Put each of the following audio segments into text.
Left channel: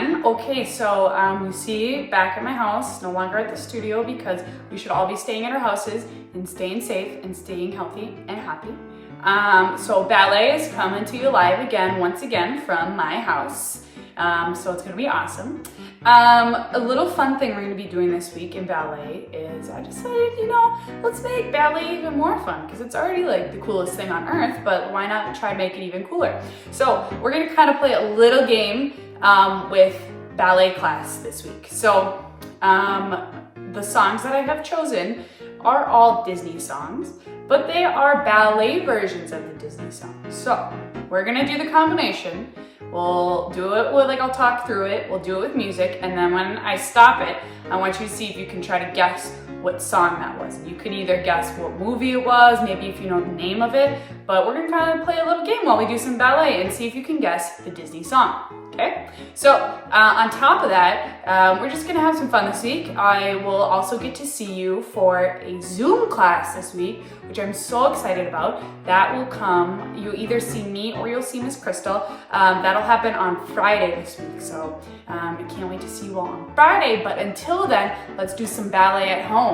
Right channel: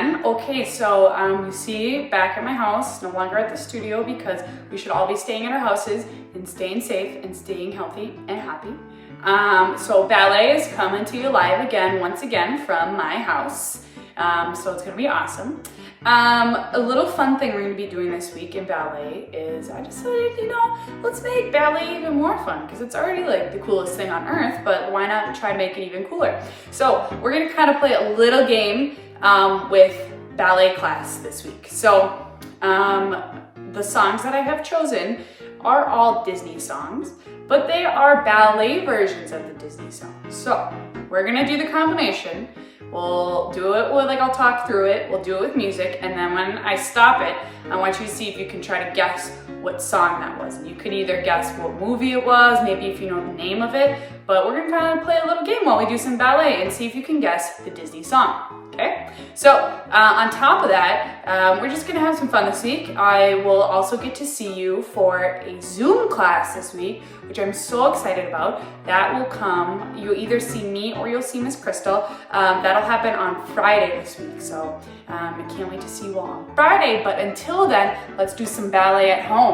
everyone. Okay, so you see back at my house, no longer at the studio because we should all be staying at our houses and staying safe and staying healthy and happy. So ballet is coming to you live again, once again from my house. So it's gonna be awesome. A little fun thing we're gonna be doing this week in ballet is I decided, let's make ballet even more fun because it's already like the coolest thing on earth, but why not try to make it even cooler? So we're gonna kind of play a little game with ballet class this week. So the songs that I have chosen are all Disney songs, but they are ballet versions of the Disney songs. So we're gonna do the combination. We'll do it with, I'll talk through it, we'll do it with music, and then when I stop it, I want you to see if you can try to guess what song that was. You could either guess what movie it was, maybe if you know the name of it, but we're gonna kind of play a little game while we do some ballet and see if you can guess the Disney song, okay? So on top of that, we're just gonna have some fun this week. I will also get to see you for a Zoom class this week, which I'm so excited about. That will come, you'll either see me or you'll see Miss Crystal. That'll happen on Friday this week, so I can't wait to see you all on Friday, but until then, let's do some ballet at home,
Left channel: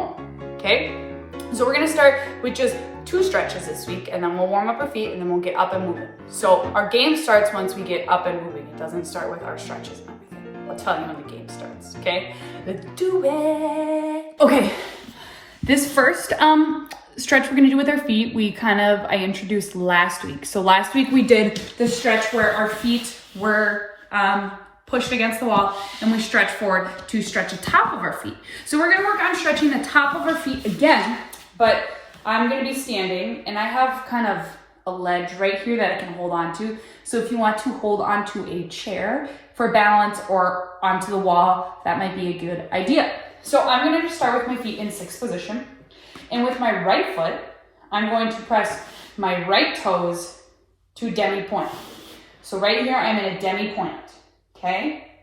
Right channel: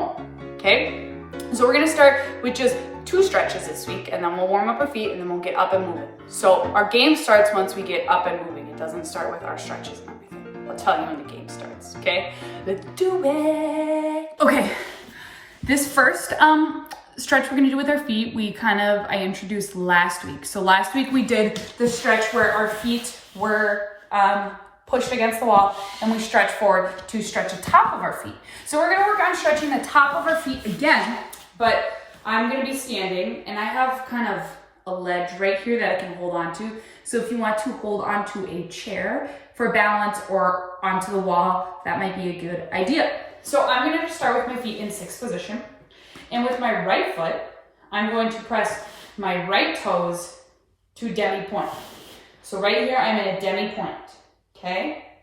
okay? So we're gonna start with just 2 stretches this week, and then we'll warm up our feet, and then we'll get up and moving. So our game starts once we get up and moving. It doesn't start with our stretches and everything. I'll tell you when the game starts, okay? Let's do it. Okay, this first stretch we're gonna do with our feet, I introduced last week. So last week we did the stretch where our feet were pushed against the wall and we stretch forward to stretch the top of our feet. So we're gonna work on stretching the top of our feet again, but I'm gonna be standing and I have kind of a ledge right here that I can hold on to. So if you want to hold onto a chair for balance or onto the wall, that might be a good idea. So I'm gonna just start with my feet in 6th position. And with my right foot, I'm going to press my right toes to demi-point. So right here, I'm in a demi-point, okay?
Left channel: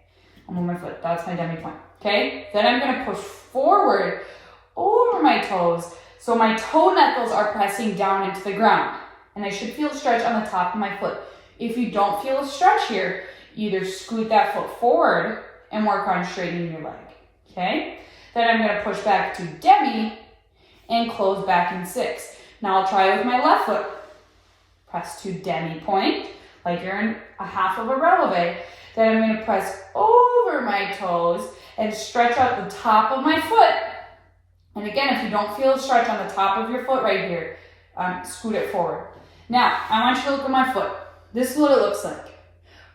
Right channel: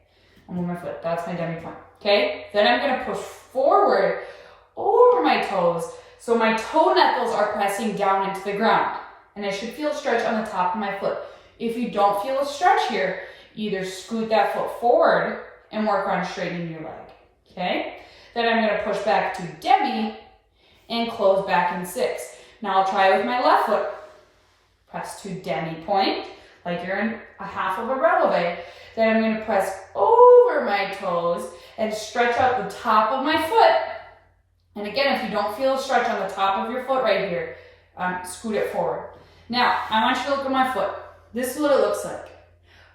I'll move my foot, that's my demi-point, okay? Then I'm gonna push forward over my toes, so my toe knuckles are pressing down into the ground. And I should feel a stretch on the top of my foot. If you don't feel a stretch here, either scoot that foot forward and work on straightening your leg, okay? Then I'm gonna push back to demi and close back in 6. Now I'll try it with my left foot. Press to demi-point, like you're in a half of a releve. Then I'm gonna press over my toes and stretch out the top of my foot. And again, if you don't feel a stretch on the top of your foot right here, scoot it forward. Now, I want you to look at my foot. This is what it looks like.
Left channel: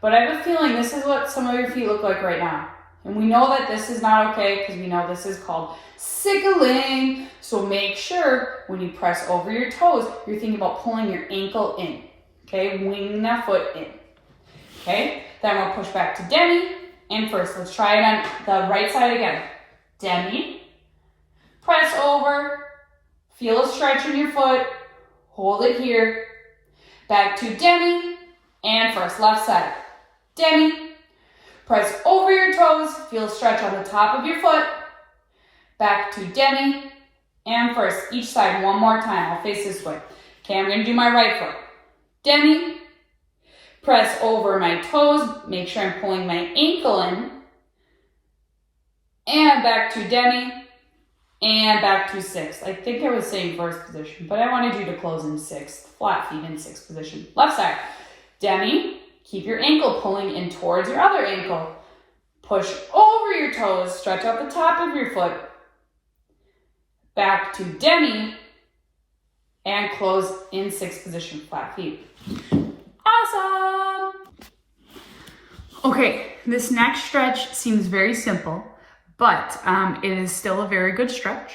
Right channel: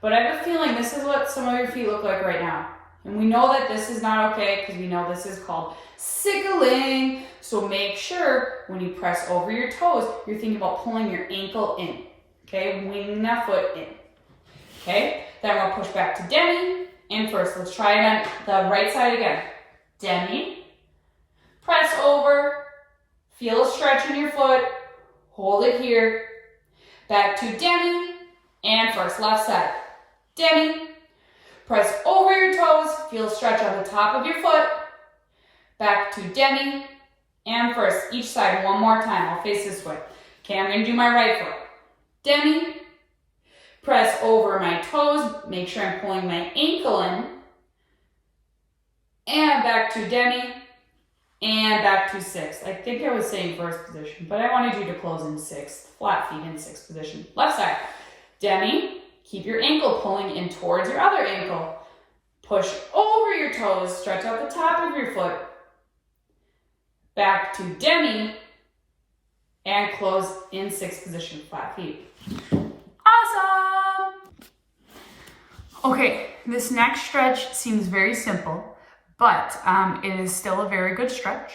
But I have a feeling this is what some of your feet look like right now. And we know that this is not okay because we know this is called sickling. So make sure when you press over your toes, you're thinking about pulling your ankle in. Okay, wing that foot in. Okay, then we'll push back to demi. And first, let's try it on the right side again. Demi, press over, feel a stretch in your foot, hold it here. Back to demi, and first, left side. Demi, press over your toes, feel a stretch on the top of your foot. Back to demi, and first, each side one more time. I'll face this way. Okay, I'm gonna do my right foot. Demi, press over my toes, make sure I'm pulling my ankle in, and back to demi, and back to 6. I think I was saying 1st position, but I wanted you to close in 6th, flat feet in 6th position. Left side, demi, keep your ankle pulling in towards your other ankle. Push over your toes, stretch out the top of your foot. Back to demi, and close in 6th position, flat feet. Awesome! Okay, this next stretch seems very simple, but it is still a very good stretch.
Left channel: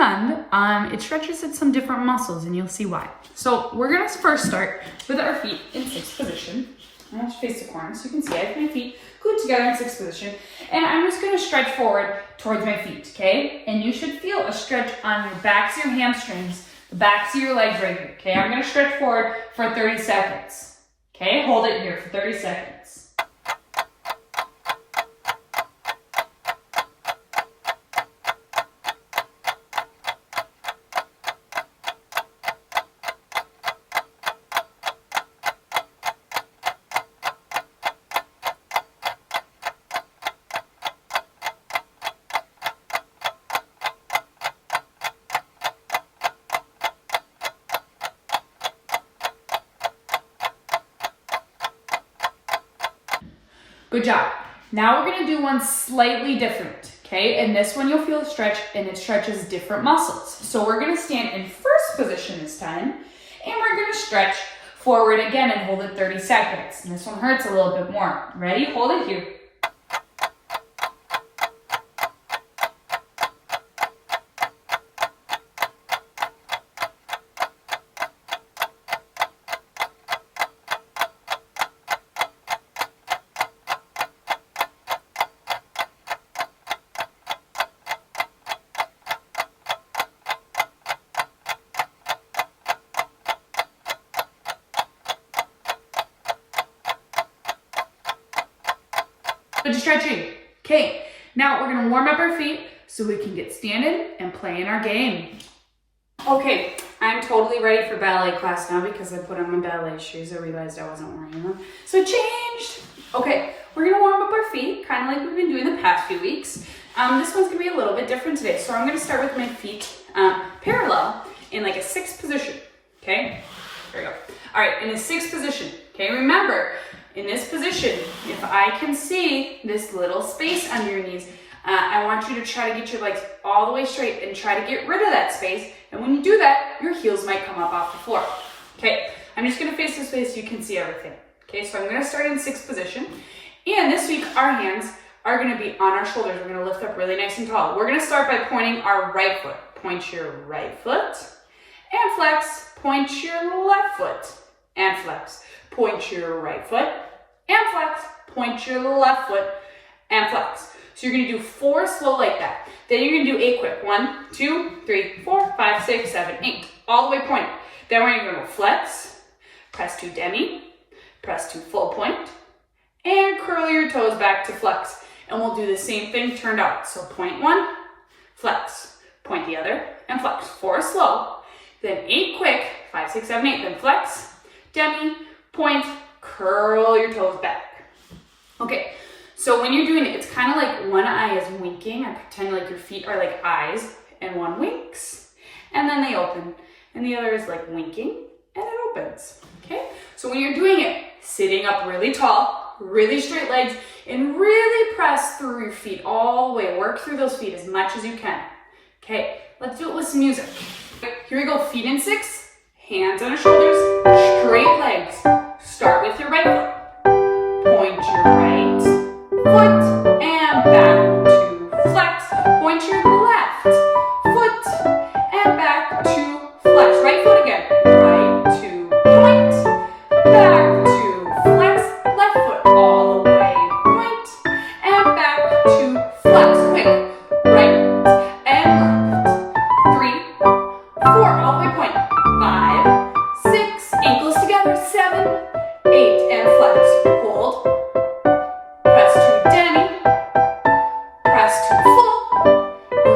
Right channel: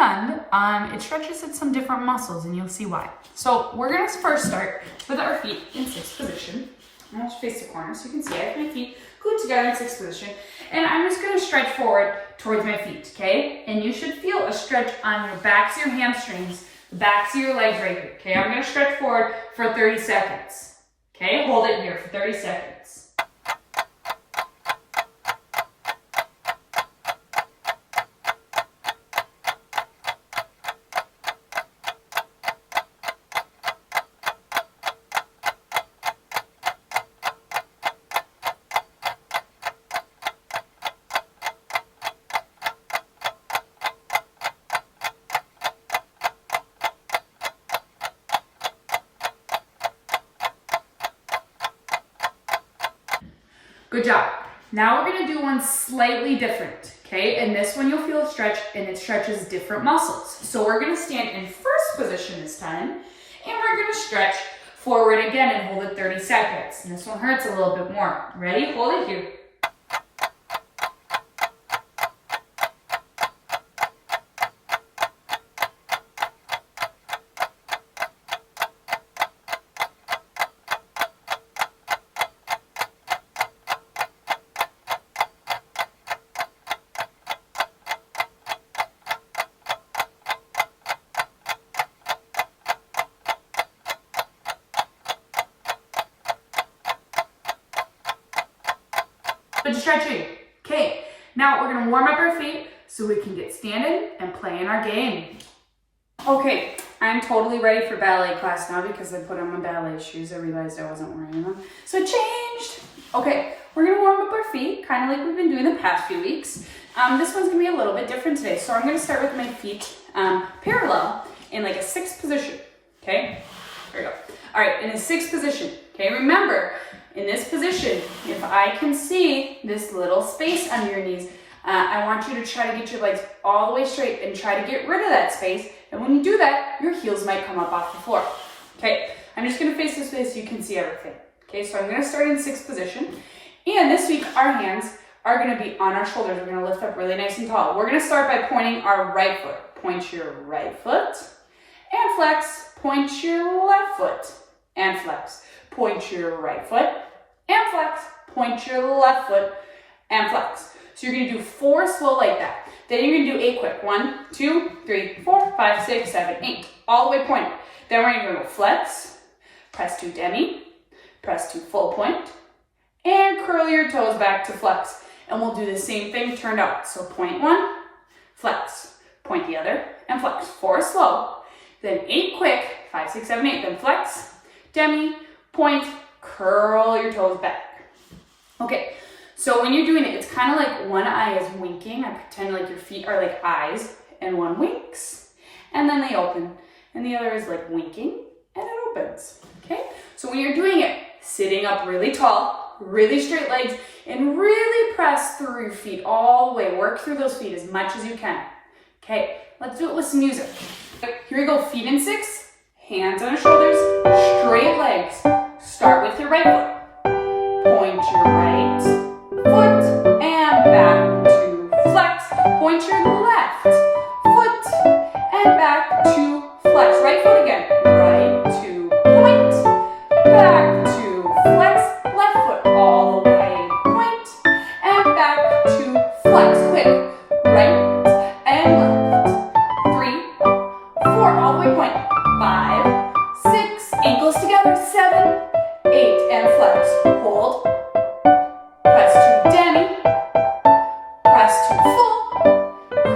And it stretches at some different muscles, and you'll see why. So we're gonna first start with our feet in 6th position. I'm gonna face the corner so you can see I have my feet glued together in 6th position. And I'm just gonna stretch forward towards my feet, okay? And you should feel a stretch on your backs of your hamstrings, the backs of your legs right here, okay? I'm gonna stretch forward for 30 seconds, okay? Hold it here for 30 seconds. Good job. Now we're gonna do one slightly different, okay? And this one you'll feel a stretch, and it stretches different muscles. So we're gonna stand in first position this time, and we're gonna stretch forward again and hold it 30 seconds. And this one hurts a little bit more. Ready? Hold it here. Good stretching. Okay, now we're gonna warm up our feet so we can get standing and playing our game. Okay, I'm totally ready for ballet class now because I put on my ballet shoes. I realized I wasn't wearing them, so I changed. Okay, we're gonna warm up our feet, kind of like we've been doing the past few weeks. This one's gonna be a little bit different today. So I'm gonna start with my feet parallel in like a 6th position, okay? There we go. All right, in a 6th position, okay? Remember, in this position, if I can see this little space under your knees, I want you to try to get your legs all the way straight and try to get rid of that space. And when you do that, your heels might come up off the floor. Okay, I'm just gonna face this way so you can see everything. Okay, so I'm gonna start in 6th position. And this week, our hands are gonna be on our shoulders. We're gonna lift up really nice and tall. We're gonna start by pointing our right foot. Point your right foot and flex. Point your left foot and flex. Point your right foot and flex. Point your left foot and flex. So you're gonna do 4 slow like that. Then you're gonna do 8 quick. 1, 2, 3, 4, 5, 6, 7, 8. All the way point. Then we're gonna go flex, press to demi, press to full point, and curl your toes back to flex. And we'll do the same thing turned out. So point 1, flex, point the other, and flex. 4 slow. Then 8 quick, 5, 6, 7, 8. Then flex, demi, point, curl your toes back. Okay, so when you're doing it, it's kind of like one eye is winking. I pretend like your feet are like eyes, and one winks, and then they open. And the other is like winking, and it opens. Okay, so when you're doing it, sitting up really tall, really straight legs, and really press through your feet all the way. Work through those feet as much as you can. Okay, let's do it with some music. Here we go, feet in 6, hands on your shoulders, straight legs. Start with your right foot. Point your right foot and back to flex. Point your left foot and back to flex. Right foot again. Right to point, back to flex. Left foot all the way. Point and back to flex. Quick. Right and left. 3, 4, all the way point. 5, 6, ankles together. 7, 8, and flex. Hold. Press to demi. Press to full.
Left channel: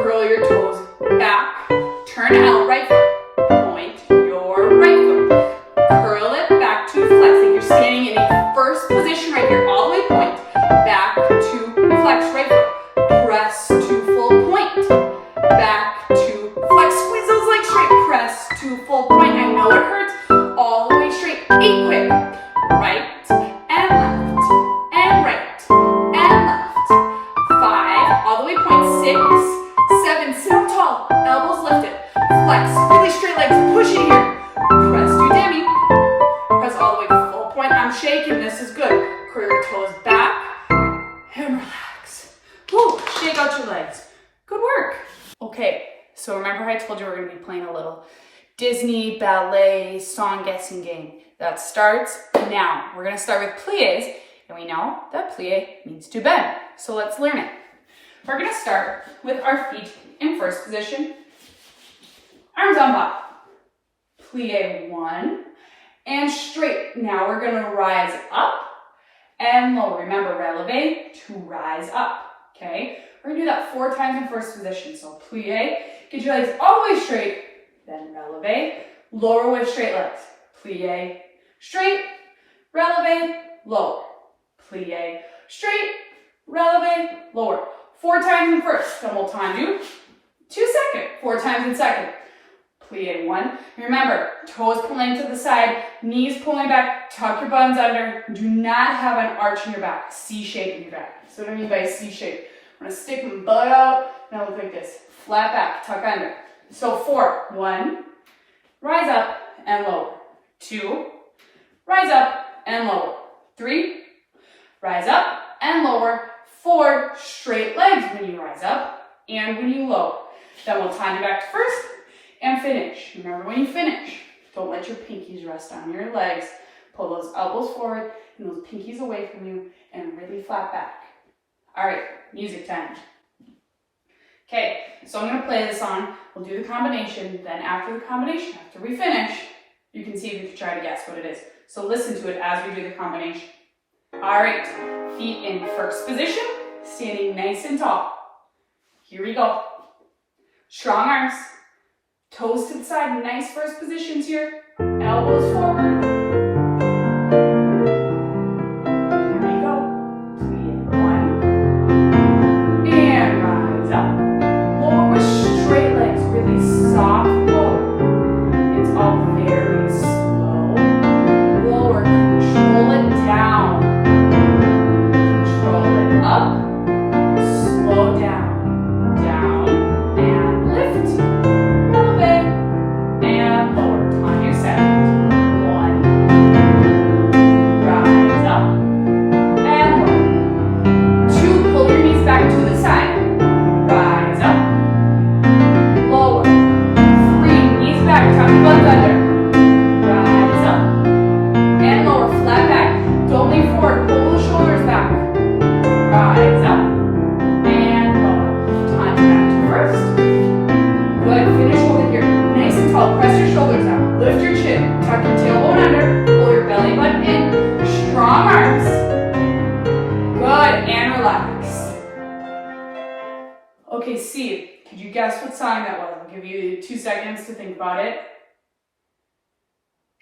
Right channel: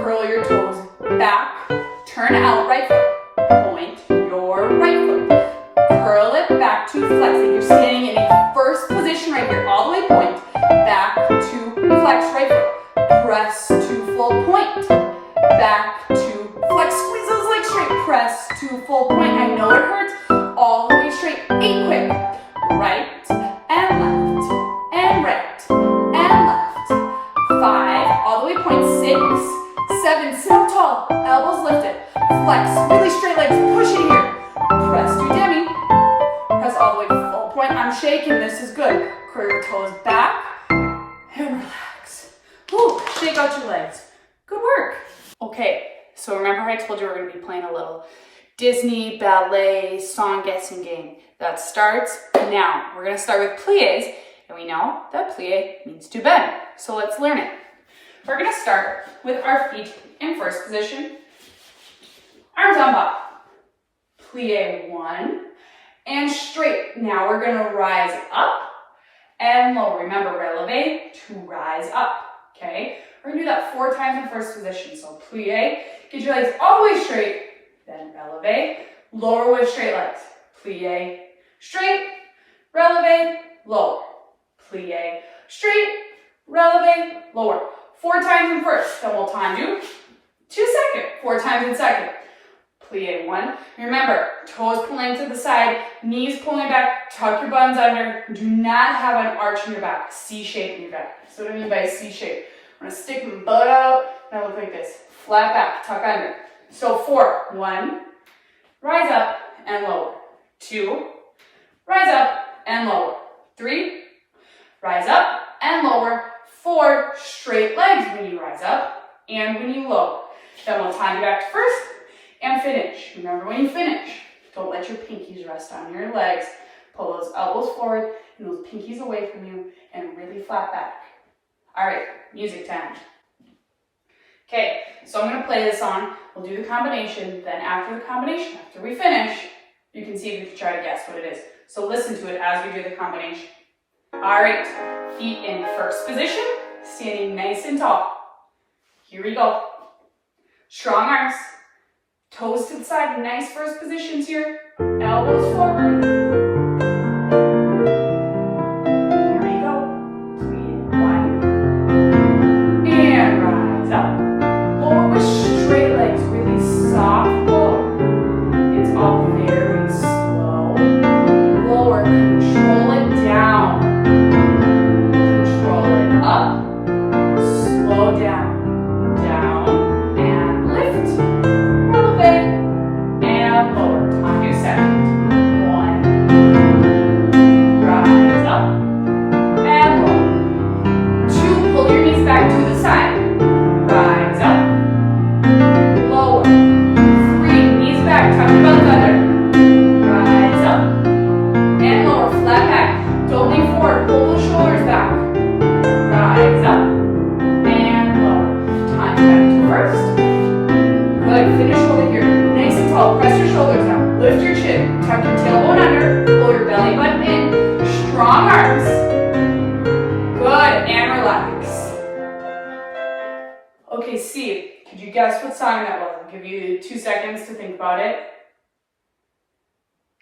Curl your toes back. Turn out right foot. Point your right foot. Curl it back to flex. Like you're standing in a first position right here. All the way point. Back to flex right foot. Press to full point. Back to flex. Squeeze those legs straight. Press to full point. I know it hurts. All the way straight. 8 quick. Right and left and right and left. 5, all the way point. 6, 7, sit up tall, elbows lifted, flex, really straight legs, push it here. Press to demi, press all the way full point. I'm shaking, this is good. Curl your toes back and relax. Woo, shake out your legs. Good work. Okay, so remember I told you we're gonna be playing a little Disney ballet song guessing game. That starts now. We're gonna start with plies, and we know that plie means to bend. So let's learn it. We're gonna start with our feet in first position. Arms on bop. Plie 1, and straight. Now we're gonna rise up and low. Remember, releve to rise up, okay? We're gonna do that 4 times in first position. So plie, get your legs all the way straight, then releve, lower with straight legs. Plie, straight, releve, lower. Plie, straight, releve, lower. 4 times in first, then we'll time you 2 seconds. 4 times in second. plie, 1. Remember, toes pulling to the side, knees pulling back, tuck your buns under. Do not have an arch in your back, C shape in your back. So what I mean by C shape, I'm gonna stick my butt out, and I look like this. Flat back, tuck under. So 4, 1, rise up and lower. 2, rise up and lower. 3, rise up and lower. 4, straight legs when you rise up and when you lower. Then we'll time you back to first and finish. Remember, when you finish, don't let your pinkies rest on your legs. Pull those elbows forward and those pinkies away from you and really flat back. All right, music time. Okay, so I'm gonna play this song. We'll do the combination. Then after the combination, after we finish, you can see if you can try to guess what it is. So listen to it as we do the combination. All right, feet in first position, standing nice and tall. Here we go. Strong arms, toes to the side, nice first positions here. Elbows forward. Here we go. 3, 1. And rise up. Lower with straight legs, really soft lower. It's all very slow. Lower, control it down. Control it up. Slow down. Down. And lift. A little bit. And lower. On your second. 1. Rise up. And lower. 2. Pull your knees back to the side. Rise up. Lower. 3. Knees back. Tuck your butt under. Rise up. And lower. Flat back. Don't lean forward. Pull the shoulders back. Rise up. And lower. Time back to first. Good. Finish over here. Nice and tall. Press your shoulders down. Lift your chin. Tuck your tailbone under. Pull your belly button in. Strong arms. Good. And relax. Okay, Steve, could you guess what song that was? I'll give you 2 seconds to think about it.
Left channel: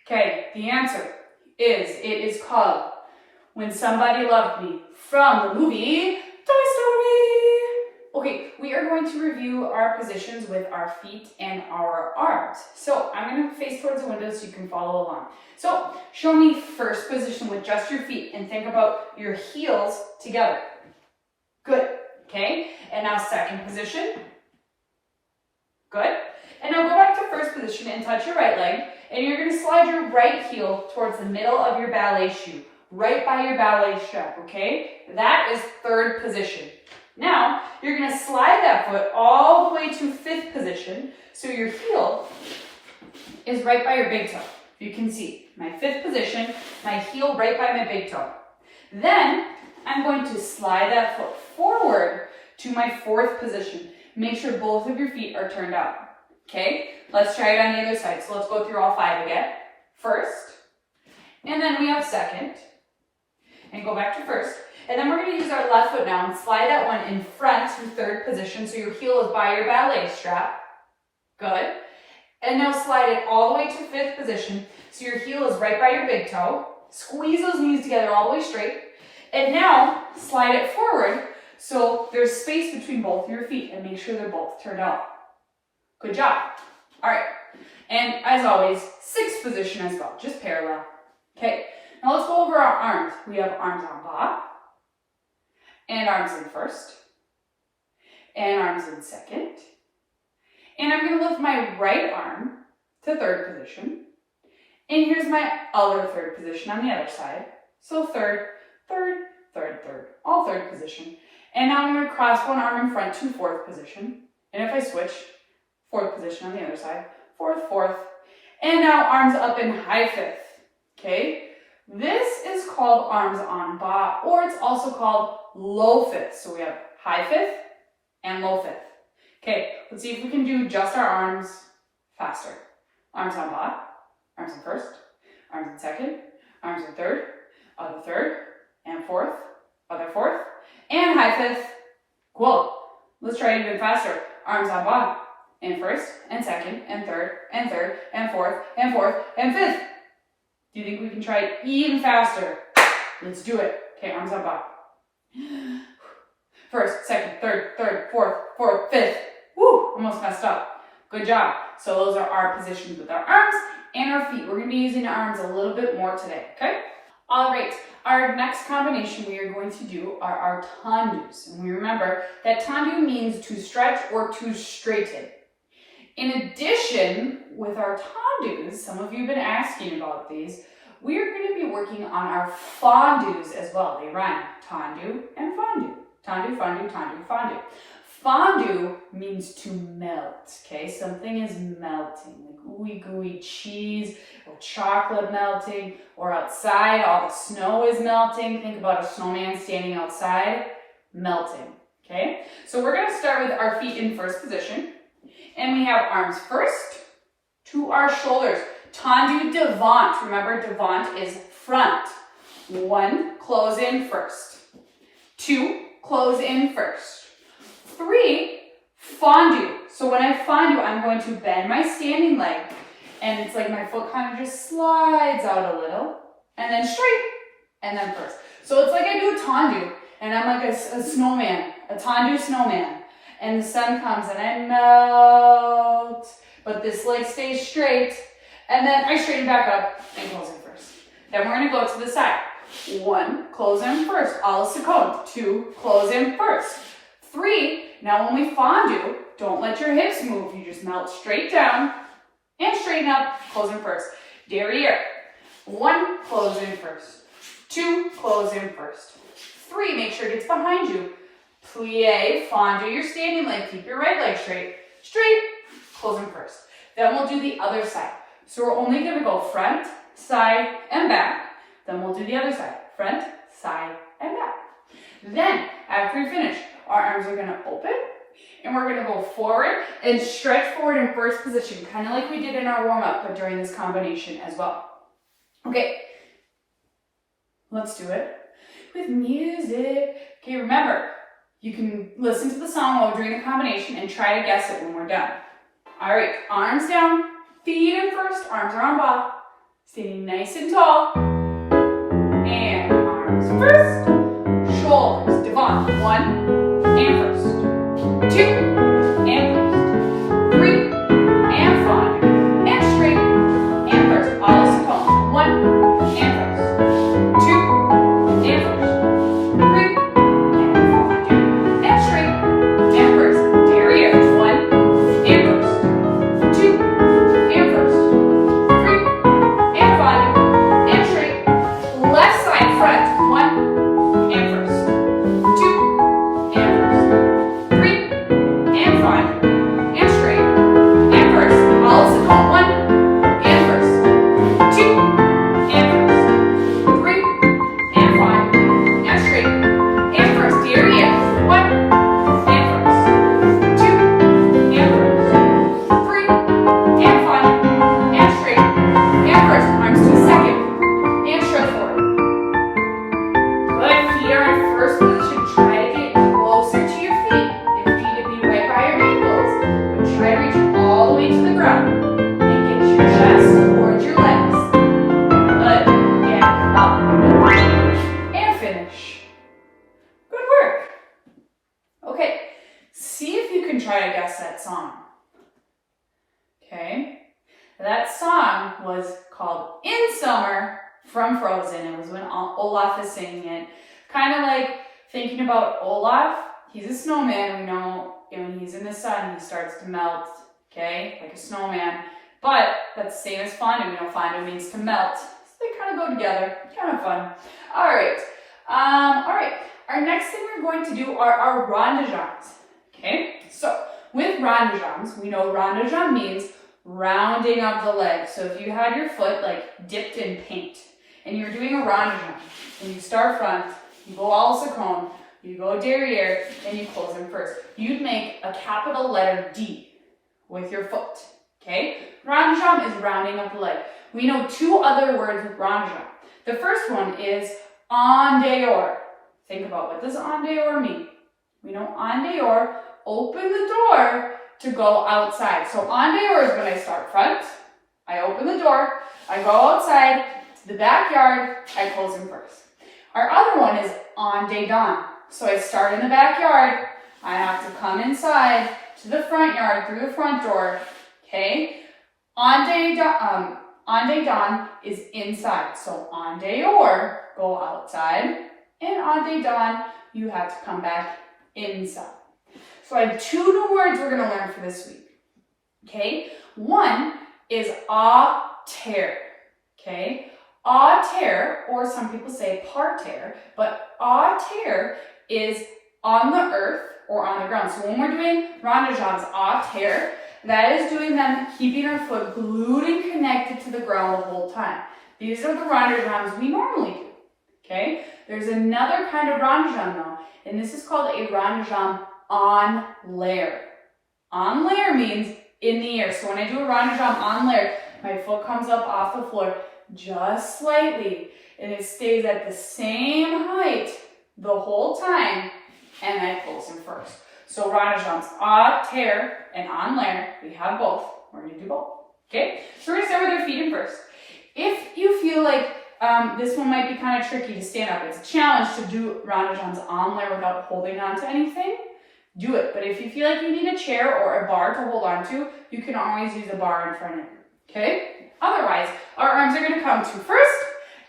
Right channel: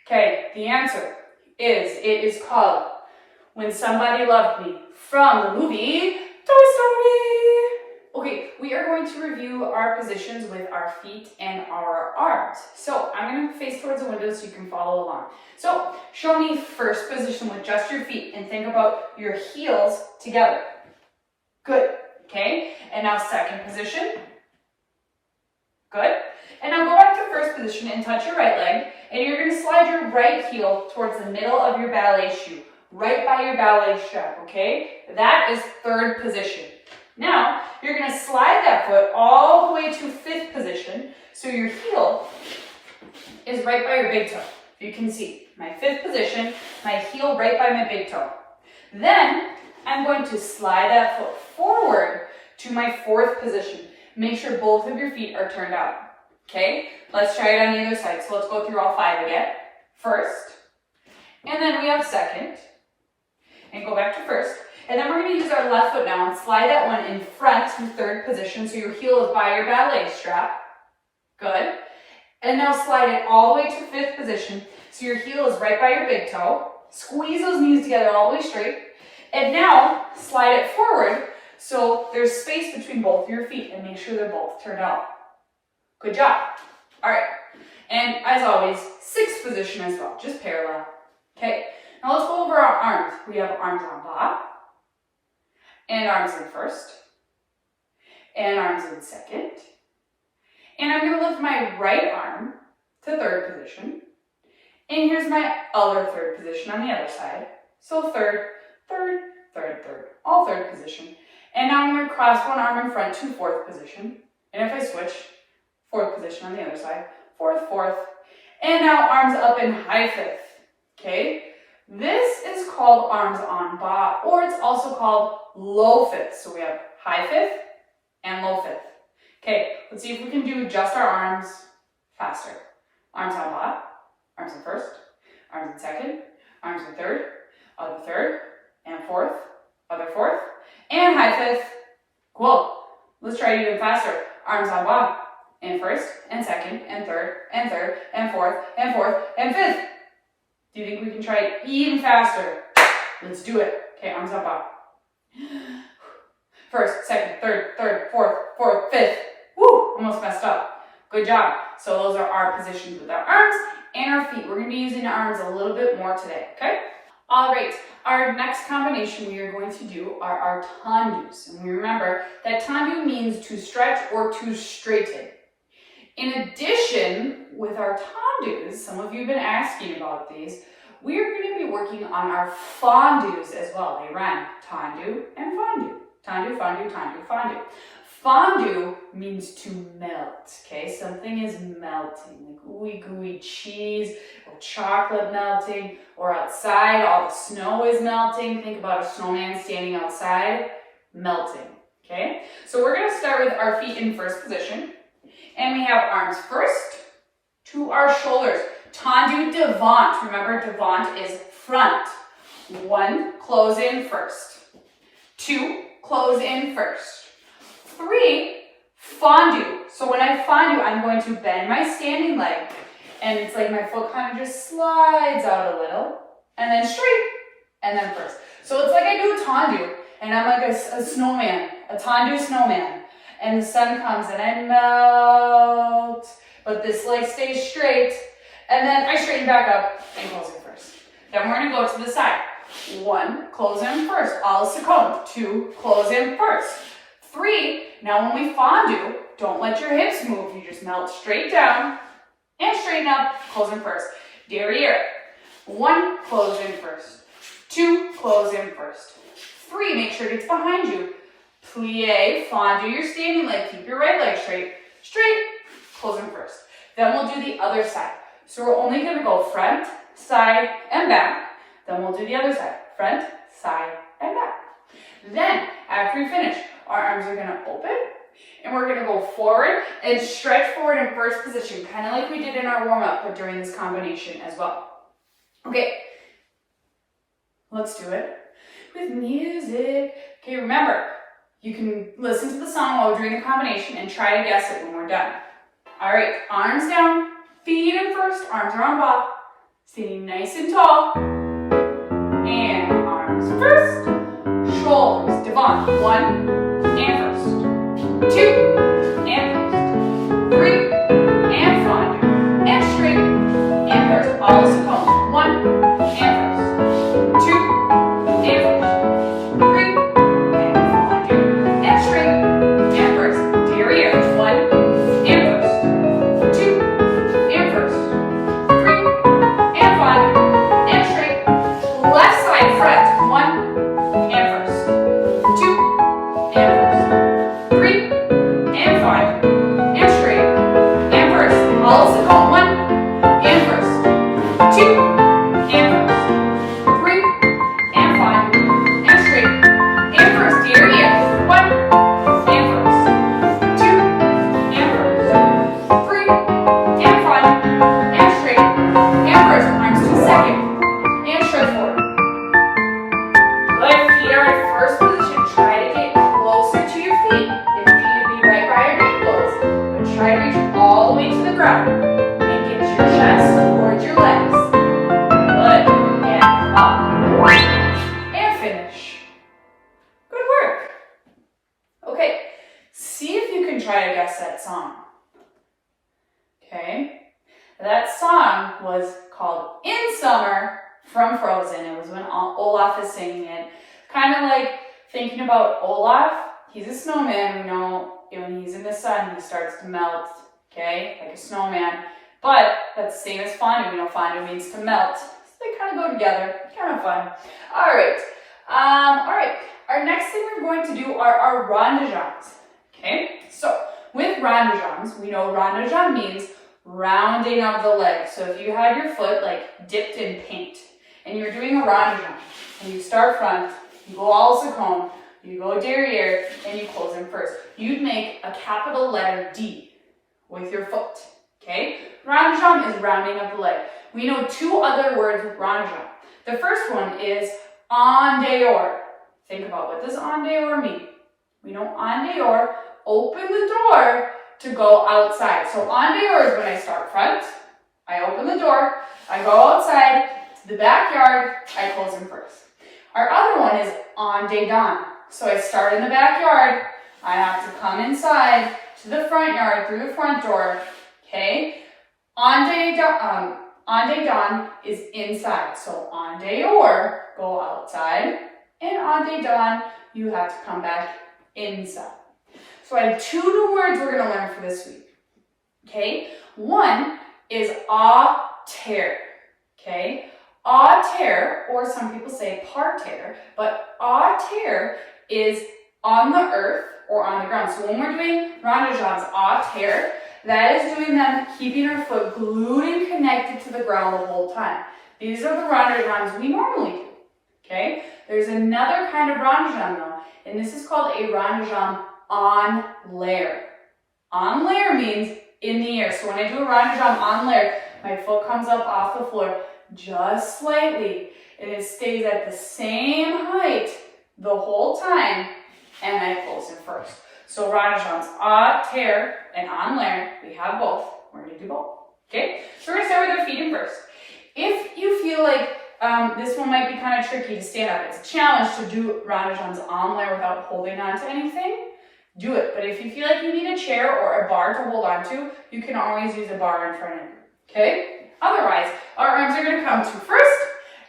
Okay, the answer is called When Somebody Loved Me from the movie Toy Story. Okay, we are going to review our positions with our feet and our arms. So I'm going to face towards the window so you can follow along. So show me first position with just your feet and think about your heels together. Good. Okay, and now second position. Good. And now go back to first position and touch your right leg, and you're going to slide your right heel towards the middle of your ballet shoe, right by your ballet strap, okay? That is third position. Now, you're going to slide that foot all the way to fifth position, so your heel is right by your big toe. You can see my fifth position, my heel right by my big toe. Then, I'm going to slide that foot forward to my fourth position. Make sure both of your feet are turned out. Okay, let's try it on the other side. So let's go through all 5 again. First, and then we have second, and go back to first. And then we're going to use our left foot now and slide that one in front to third position so your heel is by your ballet strap. Good. And now slide it all the way to fifth position so your heel is right by your big toe. Squeeze those knees together all the way straight. And now slide it forward so there's space between both of your feet and make sure they're both turned out. Good job. All right. And as always, sixth position as well, just parallel. Okay. Now let's go over our arms. We have arms en bas, and arms in first, and arms in second. And I'm going to lift my right arm to third position. And here's my other third position on the other side. So third, third, third, third, all third position. And now I'm going to cross one arm in front to fourth position. And if I switch, fourth position on the other side, fourth, fourth. And now arms up in high fifth, okay? This is called arms en bas, or it's also called low fifth. So we have high fifth and low fifth. Okay, let's see if we can do just our arms faster. Arms en bas, arms in first, arms in second, arms in third, other third, and fourth, other fourth, and high fifth. Cool. Let's try it even faster. Arms en bas, in first, and second, and third, and third, and fourth, and fourth, and fifth. Do you think we can try it even faster? Let's do it. Okay, arms en bas. First, second, third, fourth, fifth. Woo, almost messed up. Good job. So those are our positions with our arms and our feet. We're going to be using our arms a little bit more today, okay? All right, our next combination we are going to do are our tendus. And we remember that tendu means to stretch or to straighten. In addition, with our tendus, some of you have been asking about these, we are going to be working on our fondus as well. They rhyme, tendu and fondu. Tendu, fondu, tendu, fondu. Fondue means to melt, okay? Something is melting, like ooey gooey cheese or chocolate melting, or outside all the snow is melting. Think about a snowman standing outside, melting, okay? So we're gonna start with our feet in first position, and we have arms first to our shoulders. Tendu devant, remember devant is front. 1, close in first. 2, close in first. 3, fondu. So when I fondu, I'm going to bend my standing leg, and it's like my foot kind of just slides out a little, and then straight, and then first. So it's like I do a tendu, and I'm like a snowman, a tendu snowman, and the sun comes and I melt, but this leg stays straight, and then I straighten back up and close in first. Then we're gonna go to the side. 1, close in first, all second. 2, close in first. 3, now when we fondu, don't let your hips move. You just melt straight down and straighten up, close in first. Derriere. 1, close in first. 2, close in first. 3, make sure it gets behind you. Plie, fondu your standing leg. Keep your right leg straight. Straight, close in first. Then we'll do the other side. So we're only going to go front, side, and back. Then we'll do the other side. Front, side, and back. Then, after we finish, our arms are going to open, and we're going to go forward and stretch forward in first position, kind of like we did in our warm-up, but during this combination as well. Okay, let's do it with music. Okay, remember, you can listen to the song while we're doing the combination and try to guess it when we're done. All right, arms down, feet in first, arms around ball, standing nice and tall, and arms first, shoulders, devant, 1, and first, 2, and first, 3, and fondu, and straight, and first, all is second, 1, and first, 2, and first, 3, and fondu, and straight, and first, derriere, 1, and first, 2, and first, 3, and fondu, and straight, left side, front, 1, and first, 2, and first, 3, and 5, and straight, and first, all is second, 1, and first, 2, and first, 3, and 5, and straight, and first, derriere, 1, and first, 2, and first, 3, and 5, and straight, and first, arms to second, and stretch forward. Good, feet are in first position. Try to get closer to your feet. If you need to be right by your ankles, but try to reach all the way to the ground and get your chest towards your legs. Good. And up. And finish. Good work. Okay, see if you can try to guess that song. Okay, that song was called In Summer from Frozen. It was when Olaf is singing it. Kind of like thinking about Olaf. He's a snowman. We know when he's in the sun, he starts to melt, okay, like a snowman. But that's the same as fondu. We know fondu means to melt. So they kind of go together. Kind of fun. All right. Our next thing we're going to do are our rondes. Okay. So with rondes, we know rondes means rounding of the leg. So if you had your foot like dipped in paint and you're doing a rondes, and you start front, you go all second, you go derriere, and you close in first. You'd make a capital letter D with your foot, okay? Rondes is rounding of the leg. We know 2 other words with rondes. The first one is en dehors. Think about what does en dehors mean. We know en dehors, open the door to go outside. So en dehors is when I start front, I open the door, I go outside to the backyard, I close in first. Our other one is en dedans. So I start in the backyard, I have to come inside to the front yard through the front door, okay? Ande dan is inside. So en dehors, go outside. And en dedans, you have to come back inside. So I have 2 new words we're going to learn for this week. Okay? One is à terre. Okay? À terre, or some people say par terre, but à terre is on the earth or on the ground. So when we're doing ronde jambes à terre, that is doing them keeping our foot glued and connected to the ground the whole time. These are the ronde jambes we normally do. Okay? There's another kind of ronde jambe though, and this is called a ronde jambe en l'air. En l'air means in the air. So when I do a ronde jambe en l'air, my foot comes up off the floor just slightly, and it stays at the same height the whole time, and I close in first. So ronde jambes à terre and en l'air, we have both. We're going to do both. Okay? So we're going to start with our feet in first. If you feel like this one might be kind of tricky to stand up, it's a challenge to do ronde jambes en l'air without holding on to anything, do it. But if you feel like you need a chair or a bar to hold on to, you can always use a bar in front of you. Okay? Otherwise, our arms are going to come to first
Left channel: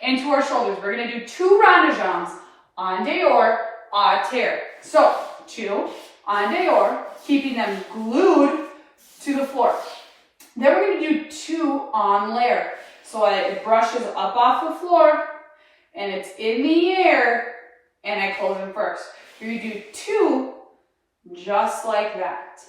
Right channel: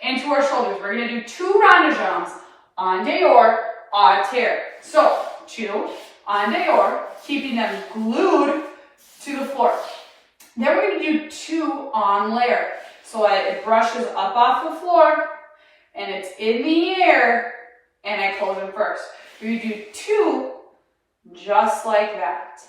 and to our shoulders. We're going to do 2 ronde jambes en dehors, à terre. So 2 en dehors, keeping them glued to the floor. Then we're going to do 2 en l'air. So it brushes up off the floor, and it's in the air, and I close it first. You do 2 just like that.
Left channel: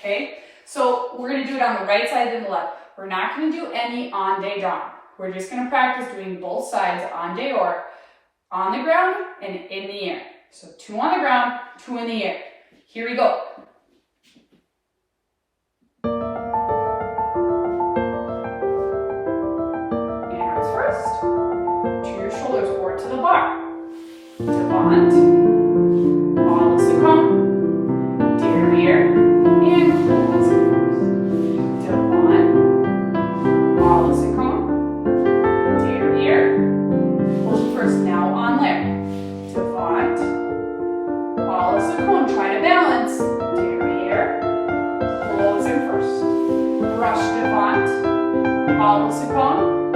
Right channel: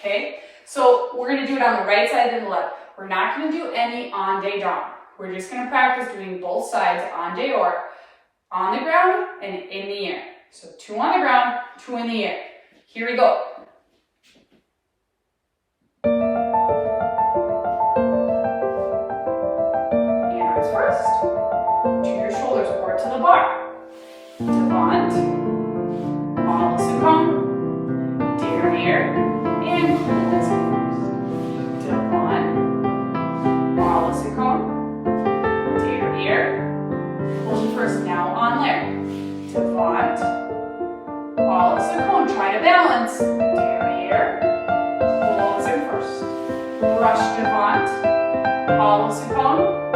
Okay? So we're going to do it on the right side and the left. We're not going to do any en dedans. We're just going to practice doing both sides en dehors, on the ground and in the air. So 2 on the ground, 2 in the air. Here we go. And arms first. To your shoulders or to the bar. Devant. All is come. Derriere. And close it first. Devant. All is come. Derriere. Close first. Now en l'air. Devant. All is cone. Try to balance. Derriere. Close in first. Brush devant. All is cone.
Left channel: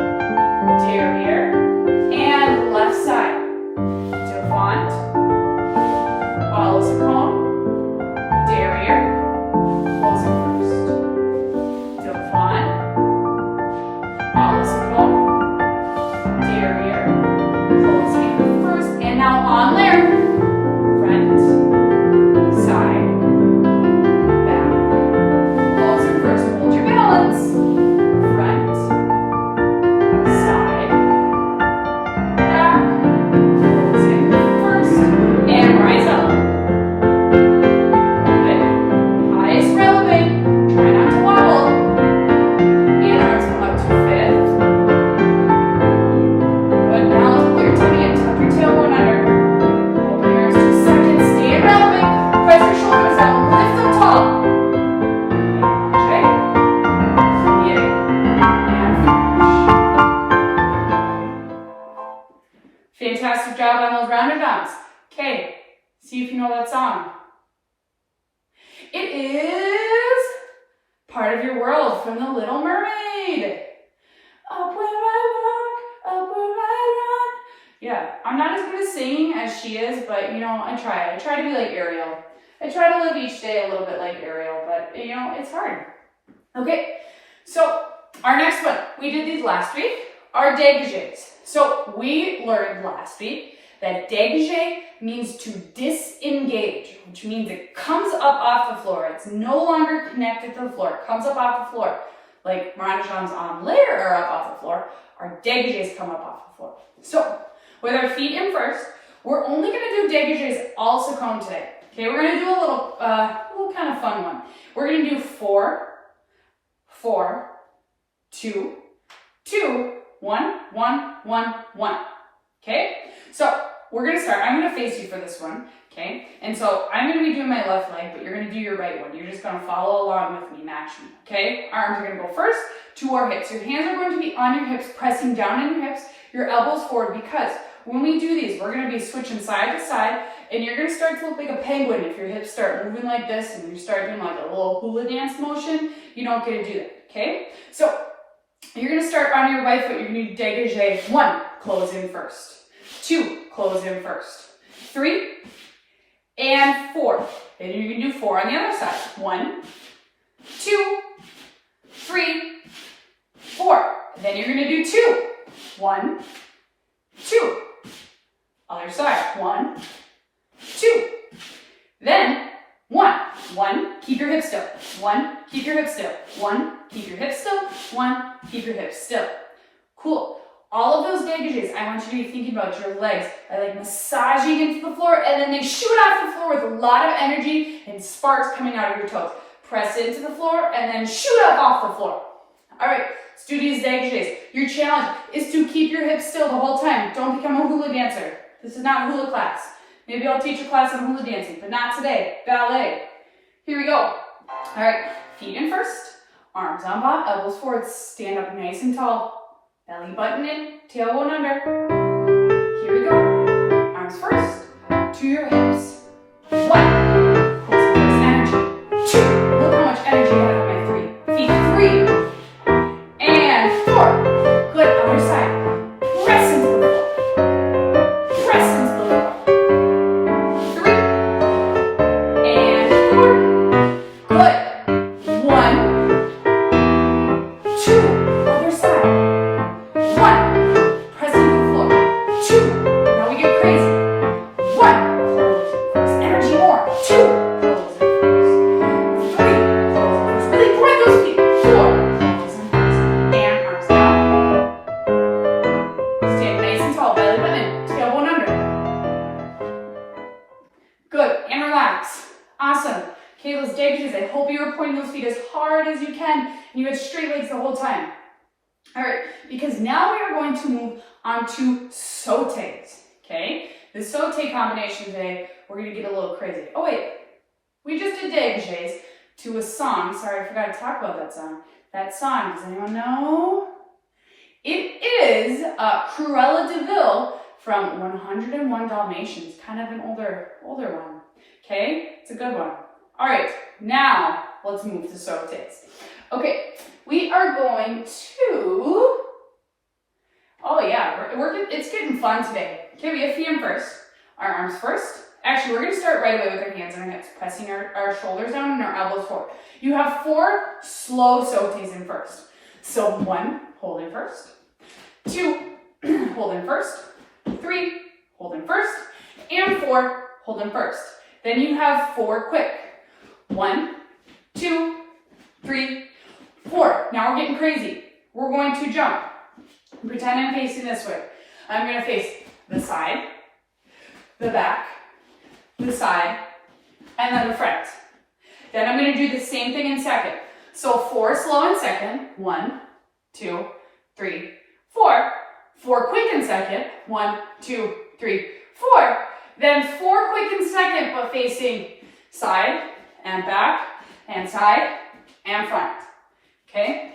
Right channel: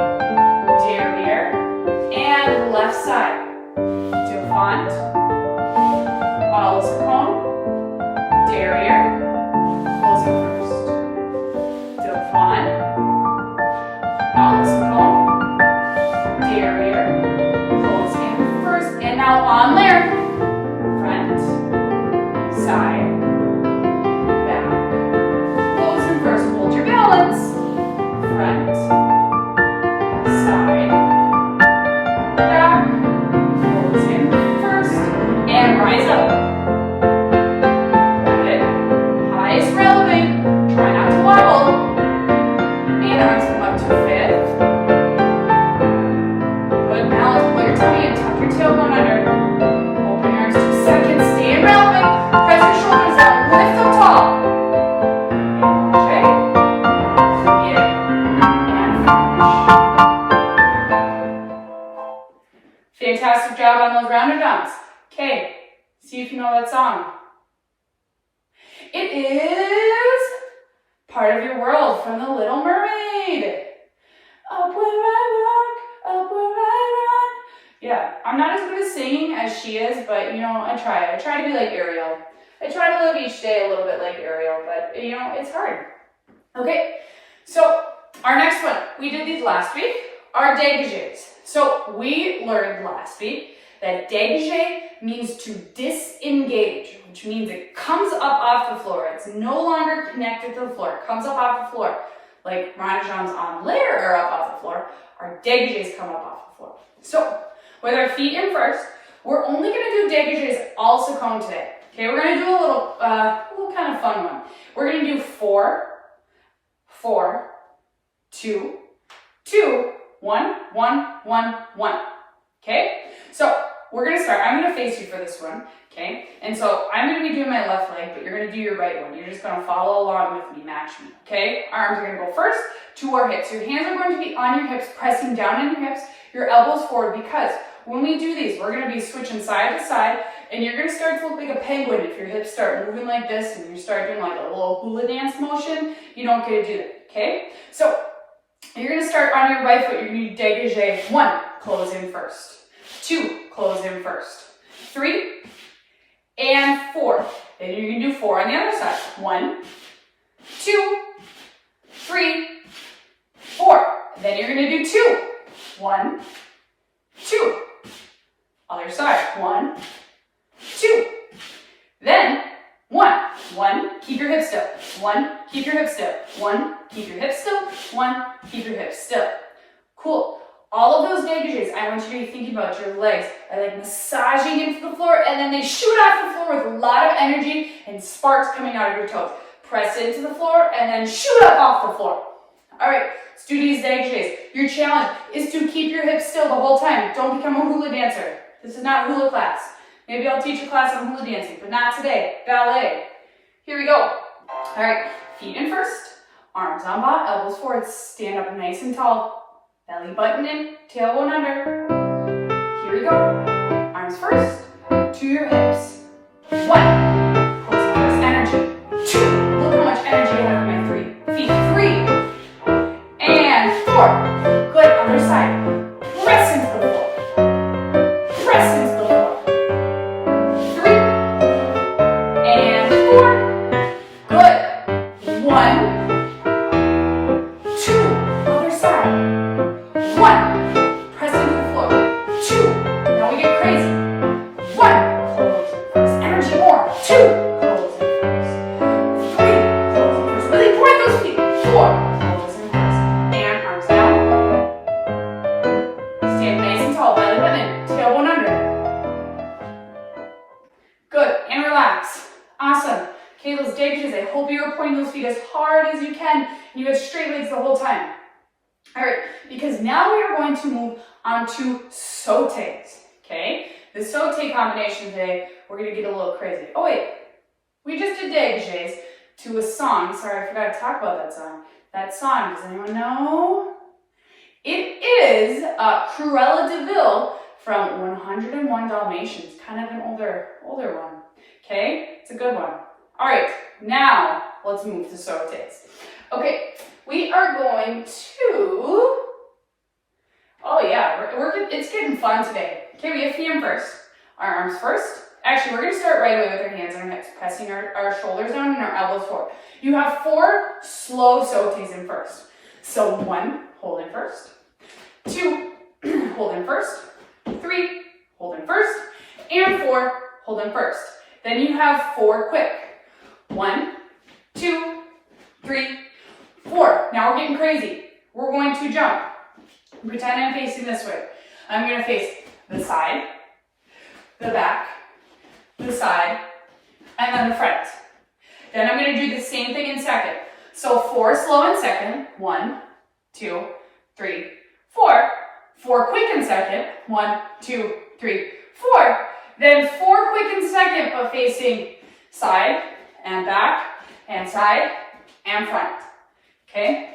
Derriere. And left side. Devant. All is cone. Derriere. Close in first. Devant. All is cone. Derriere. Close in first. And now en l'air. Fantastic job on those ronde jambes. Okay, see if you know that song. It is Part of Your World from The Little Mermaid. Up where I walk, up where I run. Yeah, I'm not as good at singing as she is, but you know, I try. I try to be like Ariel. I try to live each day a little bit like Ariel, but you know, it's hard. Okay, so our next one, we did these last week, are dégagés. So we learned last week that dégagé means to disengage, which means it comes up off the floor. It's no longer connected to the floor. It comes up off the floor. Like ronde jambes en l'air are up off the floor, our dégagés come up off the floor. So with our feet in first, we're only going to do dégagés all seconde today. Okay, we're going to do a little kind of fun one. We're going to do 4, 4, 2, 2, 1, 1, 1, 1. Okay, so we're going to start. I'm going to face you for this one. Okay, and so I'm going to be doing my left leg, but you're going to do your right one. You're just going to follow along with me, match me. Okay, arms are going to go first to our hips. Your hands are going to be on your hips, pressing down on your hips, your elbows forward, because when we do these, we're gonna be switching side to side, and you're gonna start to look like a penguin if your hips start moving like this and you start doing like a little hula dance motion. You don't get to do that, okay? So you're gonna start on your right foot, you're gonna do dégagé. 1, close in first. 2, close in first. 3, and 4. Then you're gonna do 4 on the other side. 1, 2, 3, 4. Then you're gonna do 2. 1, 2. Other side. 1, 2. Then 1. 1, keep your hips still. 1, keep your hips still. 1, keep your hips still. 1, keep your hips still. Cool. All of those dégagés, I want you to be thinking about your legs are like massaging into the floor, and then they shoot off the floor with a lot of energy and sparks coming out of your toes. Press into the floor and then shoot up off the floor. All right, let's do these dégagés. Your challenge is to keep your hips still the whole time. Don't become a hula dancer. This is not hula class. Maybe I'll teach a class on hula dancing, but not today. Ballet. Here we go. All right, feet in first, arms on bot, elbows forward, stand up nice and tall. Belly button in, tailbone under. Here we go. Arms first, to your hips. 1, close the first energy. 2, look how much energy I have in my feet. 3, and 4. Good, other side. Press into the floor. Press into the floor. 3, and 4. Good. 1, 2, other side. 1, press into the floor. 2, now we get crazy. 1, close first, energy more. 2, close it first. 3, close it first. Really point those feet. 4, close it first. And arms down. Stand nice and tall, belly button, tailbone under. Good, and relax. Awesome. Okay, those dégagés, I hope you're pointing those feet as hard as you can, and you have straight legs the whole time. All right, because now we are going to move on to sautés, okay? The sauté combination today, we're gonna get a little crazy. Oh wait, we just did dégagés to a song. Sorry, I forgot to talk about that song. That song, does anyone know? It is Cruella de Vil from 101 Dalmatians, kind of an older one, okay? It's a good one. All right, now let's move to sautés. Okay, we are going to, oh yeah, it's getting fun today. Okay, we have feet in first, our arms first. Actually, we're gonna start right away with our hands on our hips, pressing our shoulders down and our elbows forward. You have 4 slow sautés in first. So 1, hold in first. 2, hold in first. 3, hold in first. And 4, hold in first. Then you have 4 quick. 1, 2, 3, 4. Now we're getting crazy. We're going to jump. Pretend I'm facing this way. I'm going to face the side, the back, the side, and then the front. Then I'm going to do the same thing in second. So 4 slow in second. 1, 2, 3, 4. 4 quick in second. 1, 2, 3, 4. Then 4 quick in second, but facing side and back and side and front. Okay?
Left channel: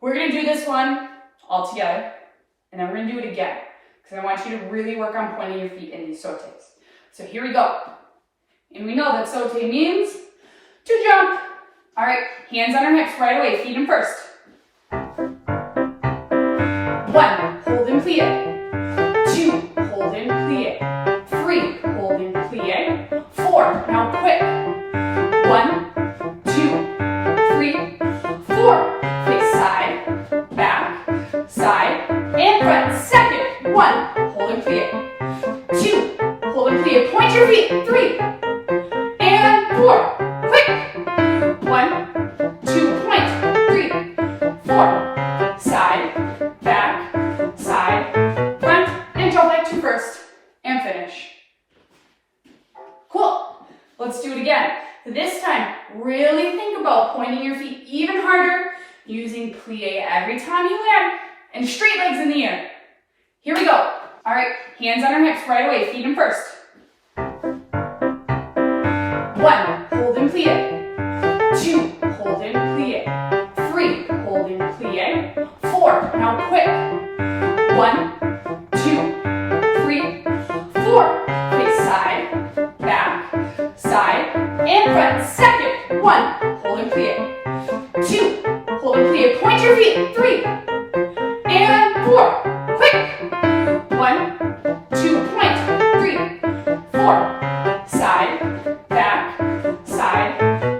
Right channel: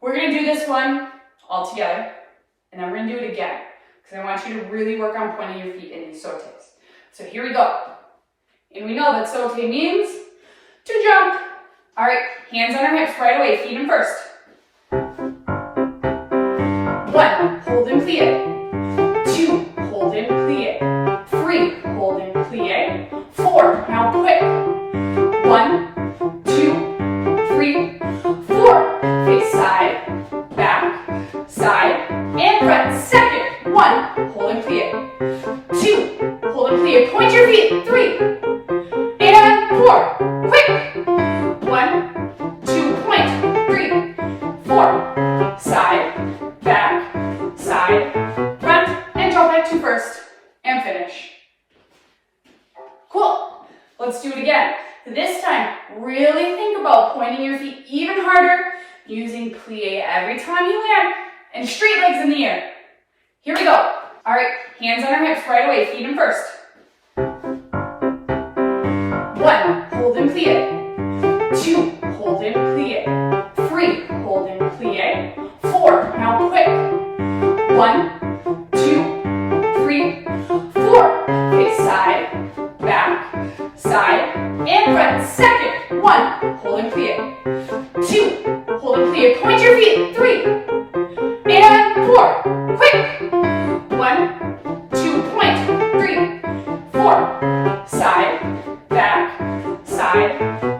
We're going to do this one all together, and then we're going to do it again, because I want you to really work on pointing your feet in these sautés. So here we go. And we know that sauté means to jump. All right, hands on our hips right away, feet in first. 1, hold and plie. 2, hold and plie. 3, hold and plie. 4, now quick. 1, 2, 3, 4. Face side, back, side, and front. Second, 1, hold and plie. 2, hold and plie. Point your feet. 3, and 4. Quick. 1, 2, point. 3, 4. Side, back, side, front, and jump back to first, and finish. Cool. Let's do it again. This time, really think about pointing your feet even harder, using plie every time you land, and straight legs in the air. Here we go. All right, hands on our hips right away, feet in first. 1, hold and plie. 2, hold and plie. 3, hold and plie. 4, now quick. 1, 2, 3, 3, 4. Okay, side, back, side, and front. Second, 1, hold and plie. 2, hold and plie. Point your feet. 3, and 4. Quick. 1, 2, point. 3, 4. Side, back, side,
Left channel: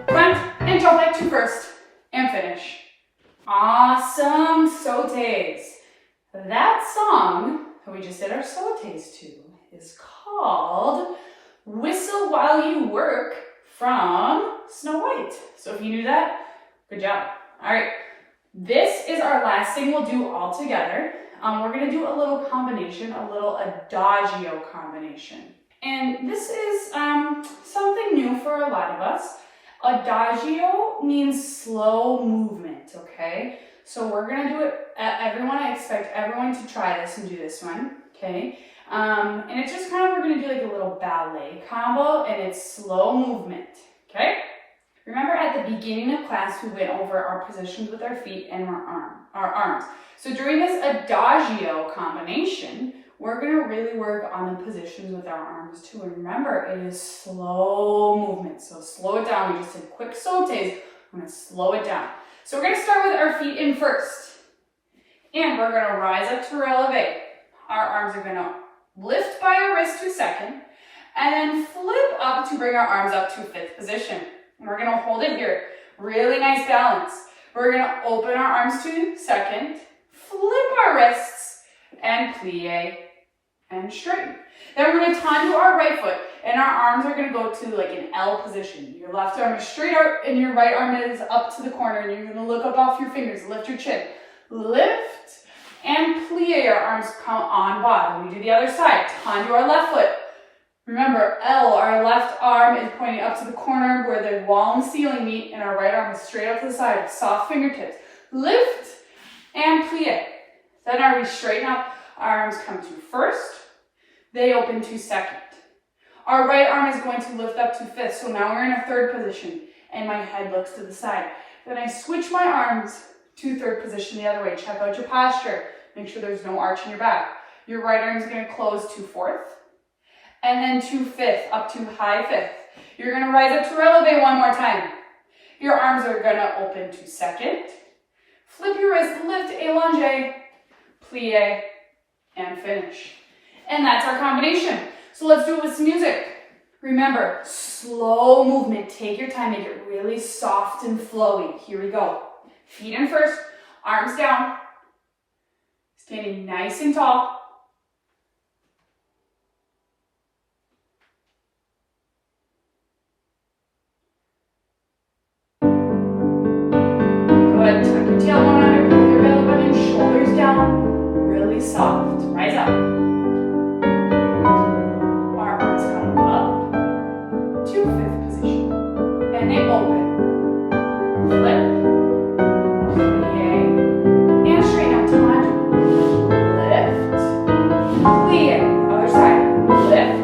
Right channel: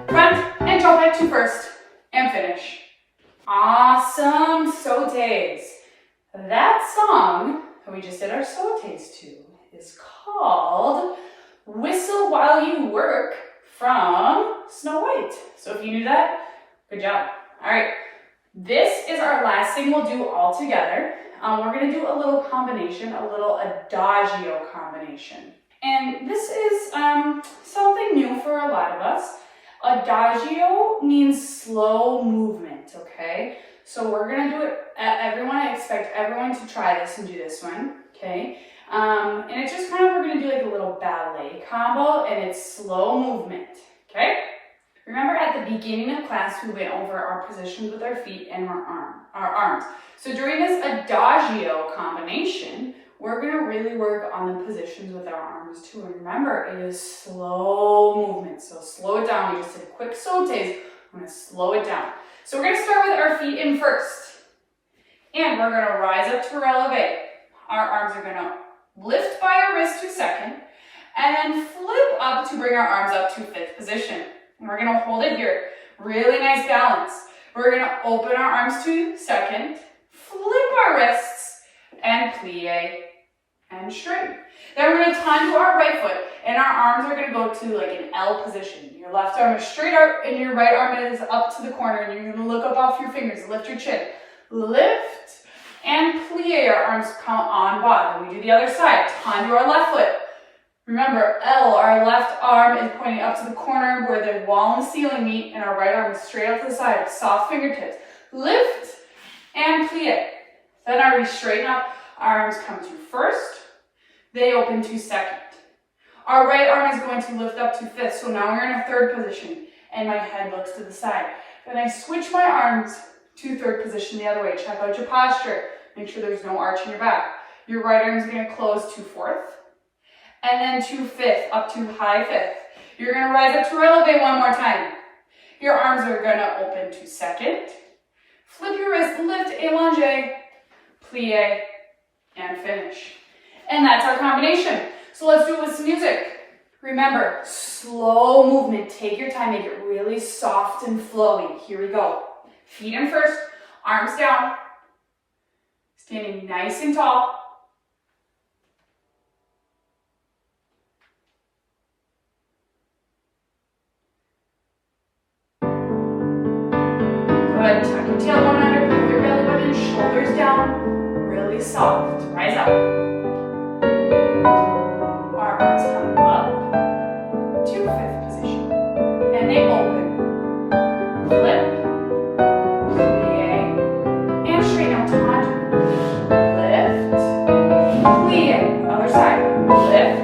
front, and jump back to first, and finish. Awesome sautés. That song that we just did our sautés to is called Whistle While You Work from Snow White. So if you knew that, good job. All right, this is our last thing we'll do all together. We're gonna do a little combination, a little Adagio combination. And this is something new for a lot of us. Adagio means slow movement, okay? So we're gonna do it, I expect everyone to try this and do this one, okay? And it's just kind of, we're gonna do like a little ballet combo, and it's slow movement, okay? Remember at the beginning of class, we went over our positions with our feet and our arms. So during this Adagio combination, we're gonna really work on the positions with our arms too. And remember, it is slow movement, so slow it down. We just did quick sautés. I'm gonna slow it down. So we're gonna start with our feet in first. And we're gonna rise up to releve. Our arms are gonna lift by our wrist to second, and then flip up to bring our arms up to fifth position. And we're gonna hold it here. Really nice balance. We're gonna open our arms to second, flip our wrists, and plie and straighten. Then we're gonna Tendu our right foot, and our arms are gonna go to like an L position. Your left arm is straight out, and your right arm is up to the corner, and you're gonna look up off your fingers, lift your chin. Lift and plie, our arms come on bottom. We do the other side, Tendu our left foot. Remember, L, our left arm is pointing up to the corner where the wall and the ceiling meet, and our right arm is straight up to the side, soft fingertips. Lift and plie. Then we straighten up, our arms come to first, they open to second. Our right arm is going to lift up to fifth, so now we're in a third position, and my head looks to the side. Then I switch my arms to third position the other way. Check out your posture. Make sure there's no arch in your back. Your right arm is going to close to fourth, and then to fifth, up to high fifth. You're going to rise up to releve one more time. Your arms are going to open to second. Flip your wrist, lift, allonge, plie, and finish. And that's our combination. So let's do it with some music. Remember, slow movement. Take your time, make it really soft and flowy. Here we go. Feet in first, arms down, standing nice and tall. Good, tuck your tailbone under, pull your belly button, shoulders down, really soft. Rise up. Our arms come up to fifth position, and they open. Flip, plie, and straighten out to Tendu. Lift, plie. Other side. Lift,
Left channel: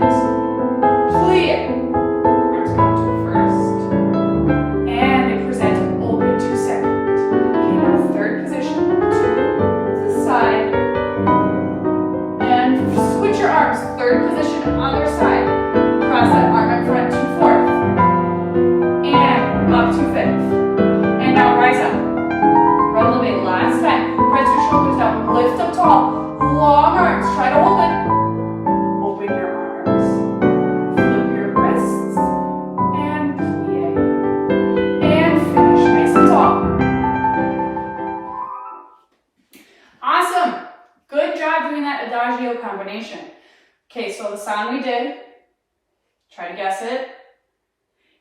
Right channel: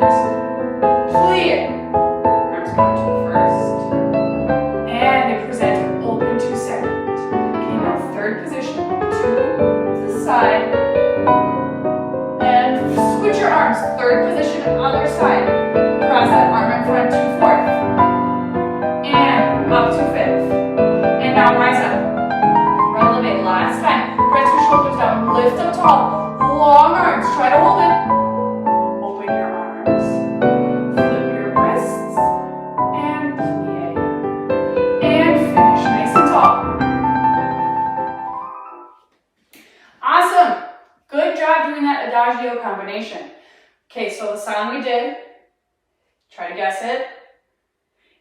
plie. Arms come to first, and they present open to second. Okay, now third position, to the side, and switch your arms. Third position, other side. Cross that arm in front to fourth, and up to fifth. And now rise up. Releve last time. Press your shoulders down, lift up tall. Long arms, try to hold it. Open your arms. Flip your wrists, and plie. And finish nice and tall. Awesome. Good job doing that Adagio combination. Okay, so the song we did, try to guess it.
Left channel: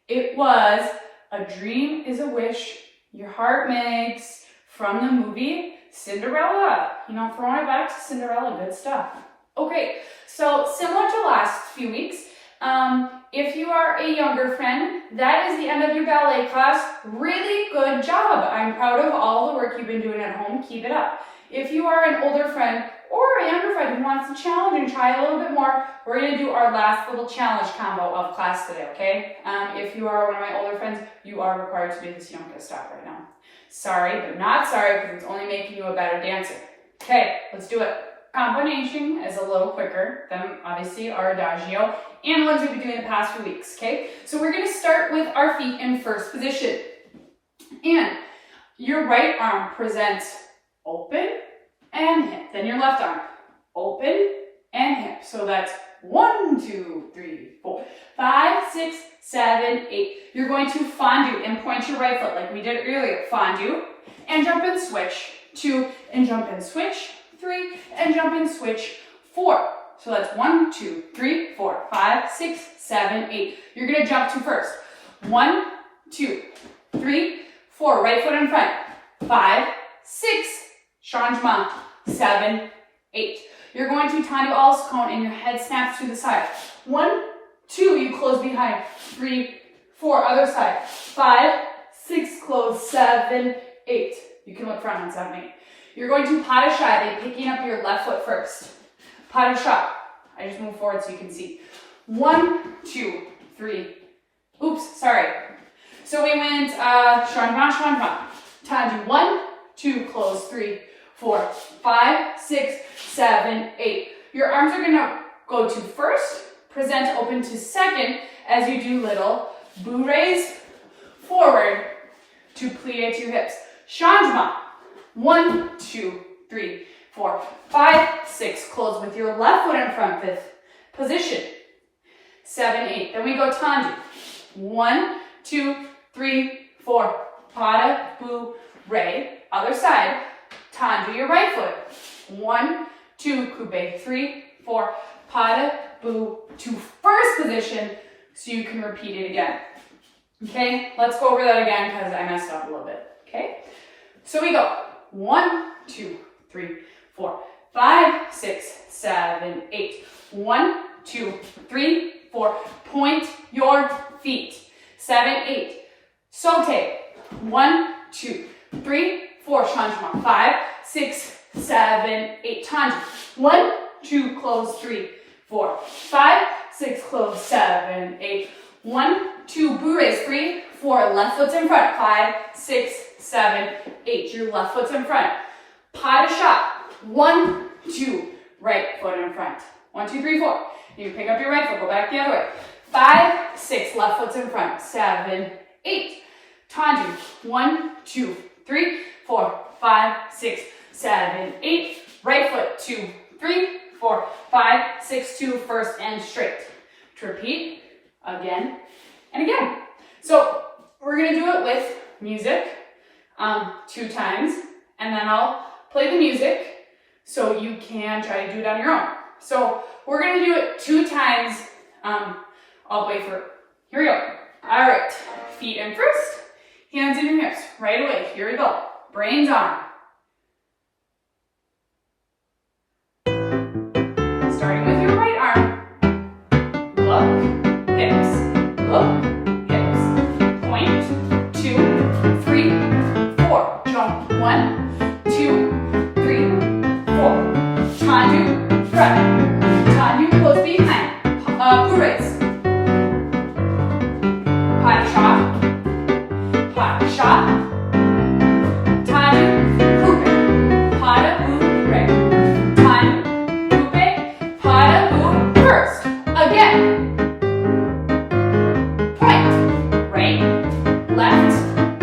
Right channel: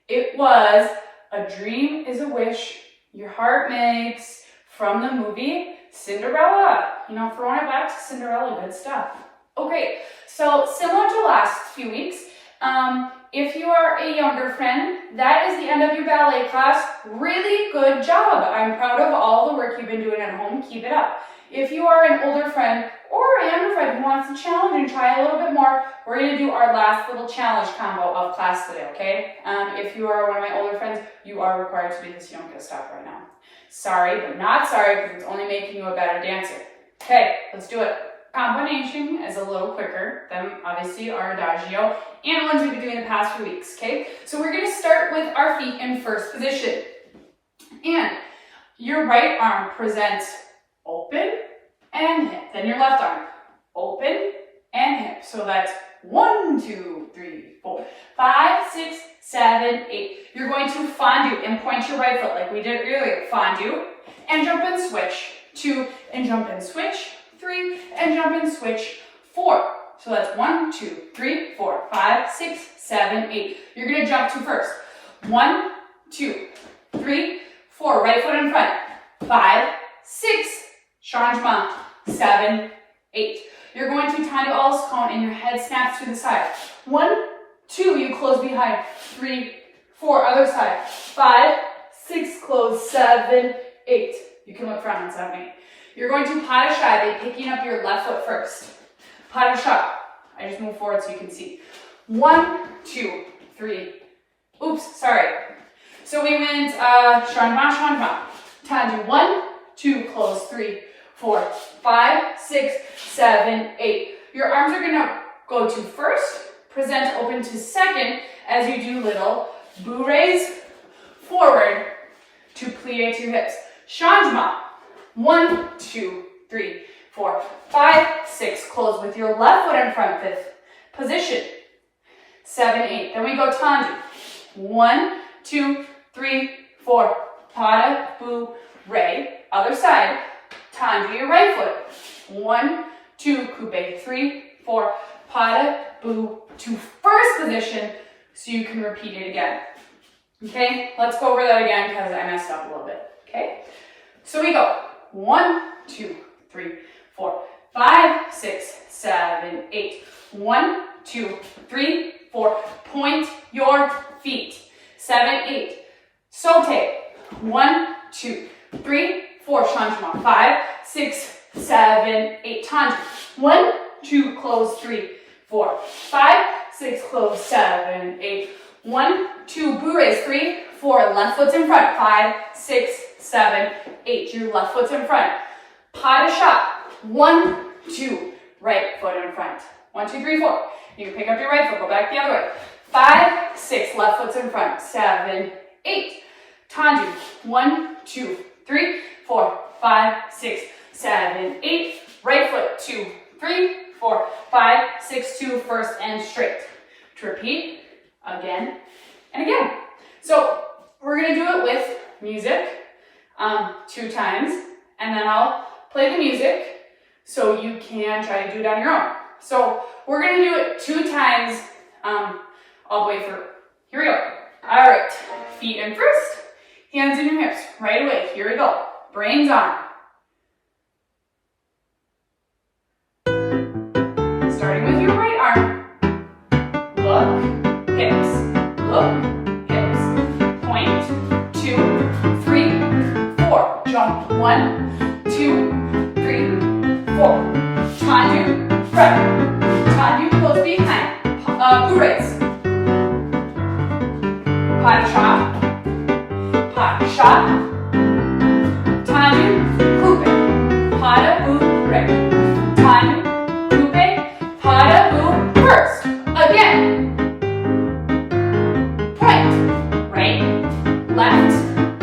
It was A Dream is a Wish Your Heart Makes from the movie Cinderella. You know, throwing it back to Cinderella, good stuff. Okay, so similar to last few weeks, if you are a younger friend, that is the end of your ballet class. Really good job. I'm proud of all the work you've been doing at home. Keep it up. If you are an older friend or a younger friend who wants to challenge and try a little bit more, we're going to do our last little challenge combo of class today, okay? If you are one of my older friends, you are required to do this. You don't get to stop right now. Sorry, but not sorry, because it's only making you a better dancer. Okay, let's do it. Combination is a little quicker than obviously our Adagio, and ones we've been doing the past few weeks, okay? So we're gonna start with our feet in first position. And your right arm presents open and hip. Then your left arm, open and hip. So that's 1, 2, 3, 4, 5, 6, 7, 8. You're going to fondue and point your right foot like we did earlier. Fondue and jump and switch. 2 and jump and switch. 3 and jump and switch. 4. So that's 1, 2, 3, 4, 5, 6, 7, 8. You're going to jump to first. 1, 2, 3, 4. Right foot in front. 5, 6. Changement. 7, 8. You're going to tendu all cone and your head snaps to the side. 1, 2, you close behind. 3, 4, other side. 5, 6, close. 7, 8. You can look front on 7, 8. You're going to pas de chat by picking up your left foot first. Pas de chat. I just move forward so you can see. 1, 2, 3. Oops, sorry. So we went changement. Tendu 1, 2, close. 3, 4, 5, 6, 7, 8. Your arms are gonna go to first, present open to second as you do little bourrées forward to plie to hips. Changement. 1, 2, 3, 4, 5, 6. Close with your left foot in front, fifth position. 7, 8. Then we go tendu. 1, 2, 3, 4. Pas de bourrée. Other side. Tendu your right foot. 1, 2, coupe. 3, 4. Pas de bourrée to first position so you can repeat it again. Okay, let's go over that again because I messed up a little bit. Okay, so we go 1, 2, 3, 4, 5, 6, 7, 8. 1, 2, 3, 4. Point your feet. 7, 8. Saute. 1, 2, 3, 4. Changement. 5, 6, 7, 8. Tendu. 1, 2, close. 3, 4, 5, 6, close. 7, 8. 1, 2, bourrées. 3, 4. Left foot's in front. 5, 6, 7, 8. Your left foot's in front. Pas de chat. 1, 2. Right foot in front. 1, 2, 3, 4. You pick up your right foot. Go back the other way. 5, 6. Left foot's in front. 7, 8. Tendu. 1, 2, 3, 4, 5, 6, 7, 8. Right foot. 2, 3, 4, 5, 6, 2. First and straight. To repeat again and again. So we're going to do it with music 2 times, and then I'll play the music so you can try to do it on your own. So we're going to do it 2 times all the way through. Here we go. All right, feet in first, hands in your hips. Right away, here we go. Brains on. Starting with your right arm. Look, hips, look, hips. Point, 2, 3, 4. Jump, 1, 2, 3, 4. Tendu, Frappe. Tendu, close behind. Bourrées. Pas de chat. Pas de chat. Tendu, coupe. Pas de bourrée. Tendu, coupe. Pas de bourrée. First. Again. Point. Right, left,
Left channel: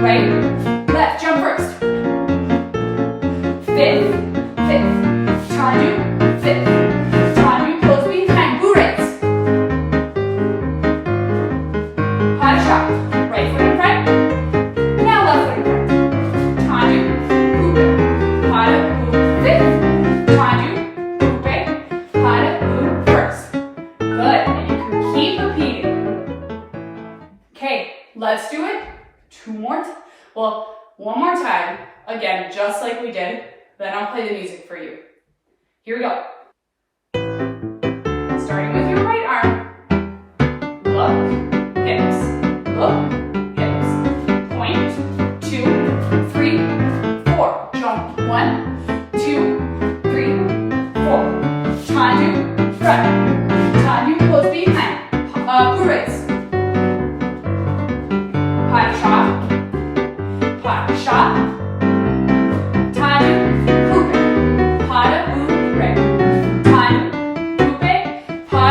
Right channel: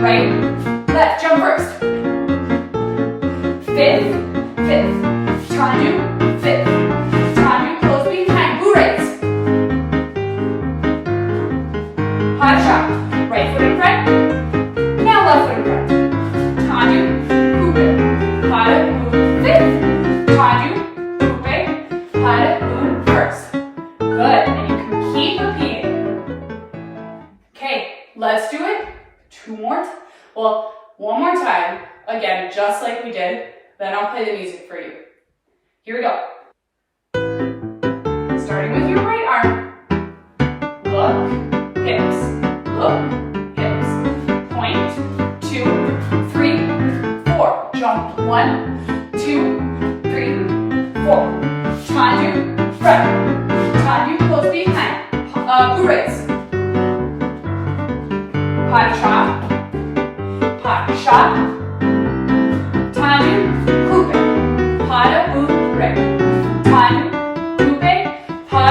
right, left. Jump first. Fifth, fifth. Tendu, fifth. Tendu, close behind. Bourrées. Pas de chat. Right foot in front. Now left foot in front. Tendu, coupe. Pas de bourrée. Fifth. Tendu, coupe. Pas de bourrée. First. Good. And you can keep repeating. Okay, let's do it 2 more. Well, 1 more time. Again, just like we did. Then I'll play the music for you. Here we go. Starting with your right arm. Look, hips, look, hips. Point, 2, 3, 4. Jump, 1, 2, 3, 4. Tendu, Frappe. Tendu, close behind. Bourrées. Pas de chat. Pas de chat. Tendu, coupe. Pas de bourrée. Tendu, coupe. Pas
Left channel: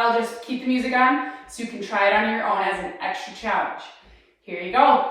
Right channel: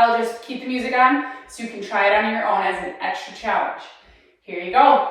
I'll just keep the music on so you can try it on your own as an extra challenge. Here you go.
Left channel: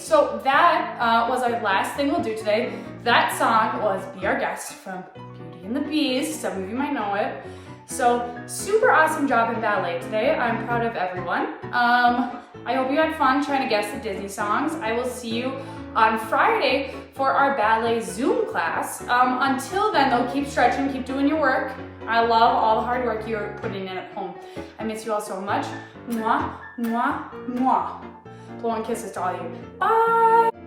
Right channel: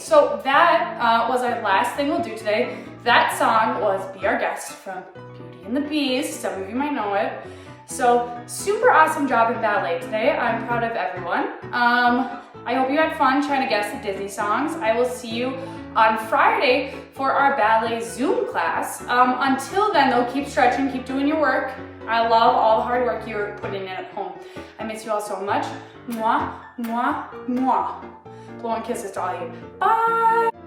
So that was our last thing we'll do today. That song was Be Our Guest from Beauty and the Beast. Some of you might know it. So super awesome job in ballet today. I'm proud of everyone. I hope you had fun trying to guess the Disney songs. I will see you on Friday for our ballet Zoom class. Until then though, keep stretching, keep doing your work. I love all the hard work you're putting in at home. I miss you all so much. Mwah, mwah, mwah. Blowing kisses to all of you. Bye.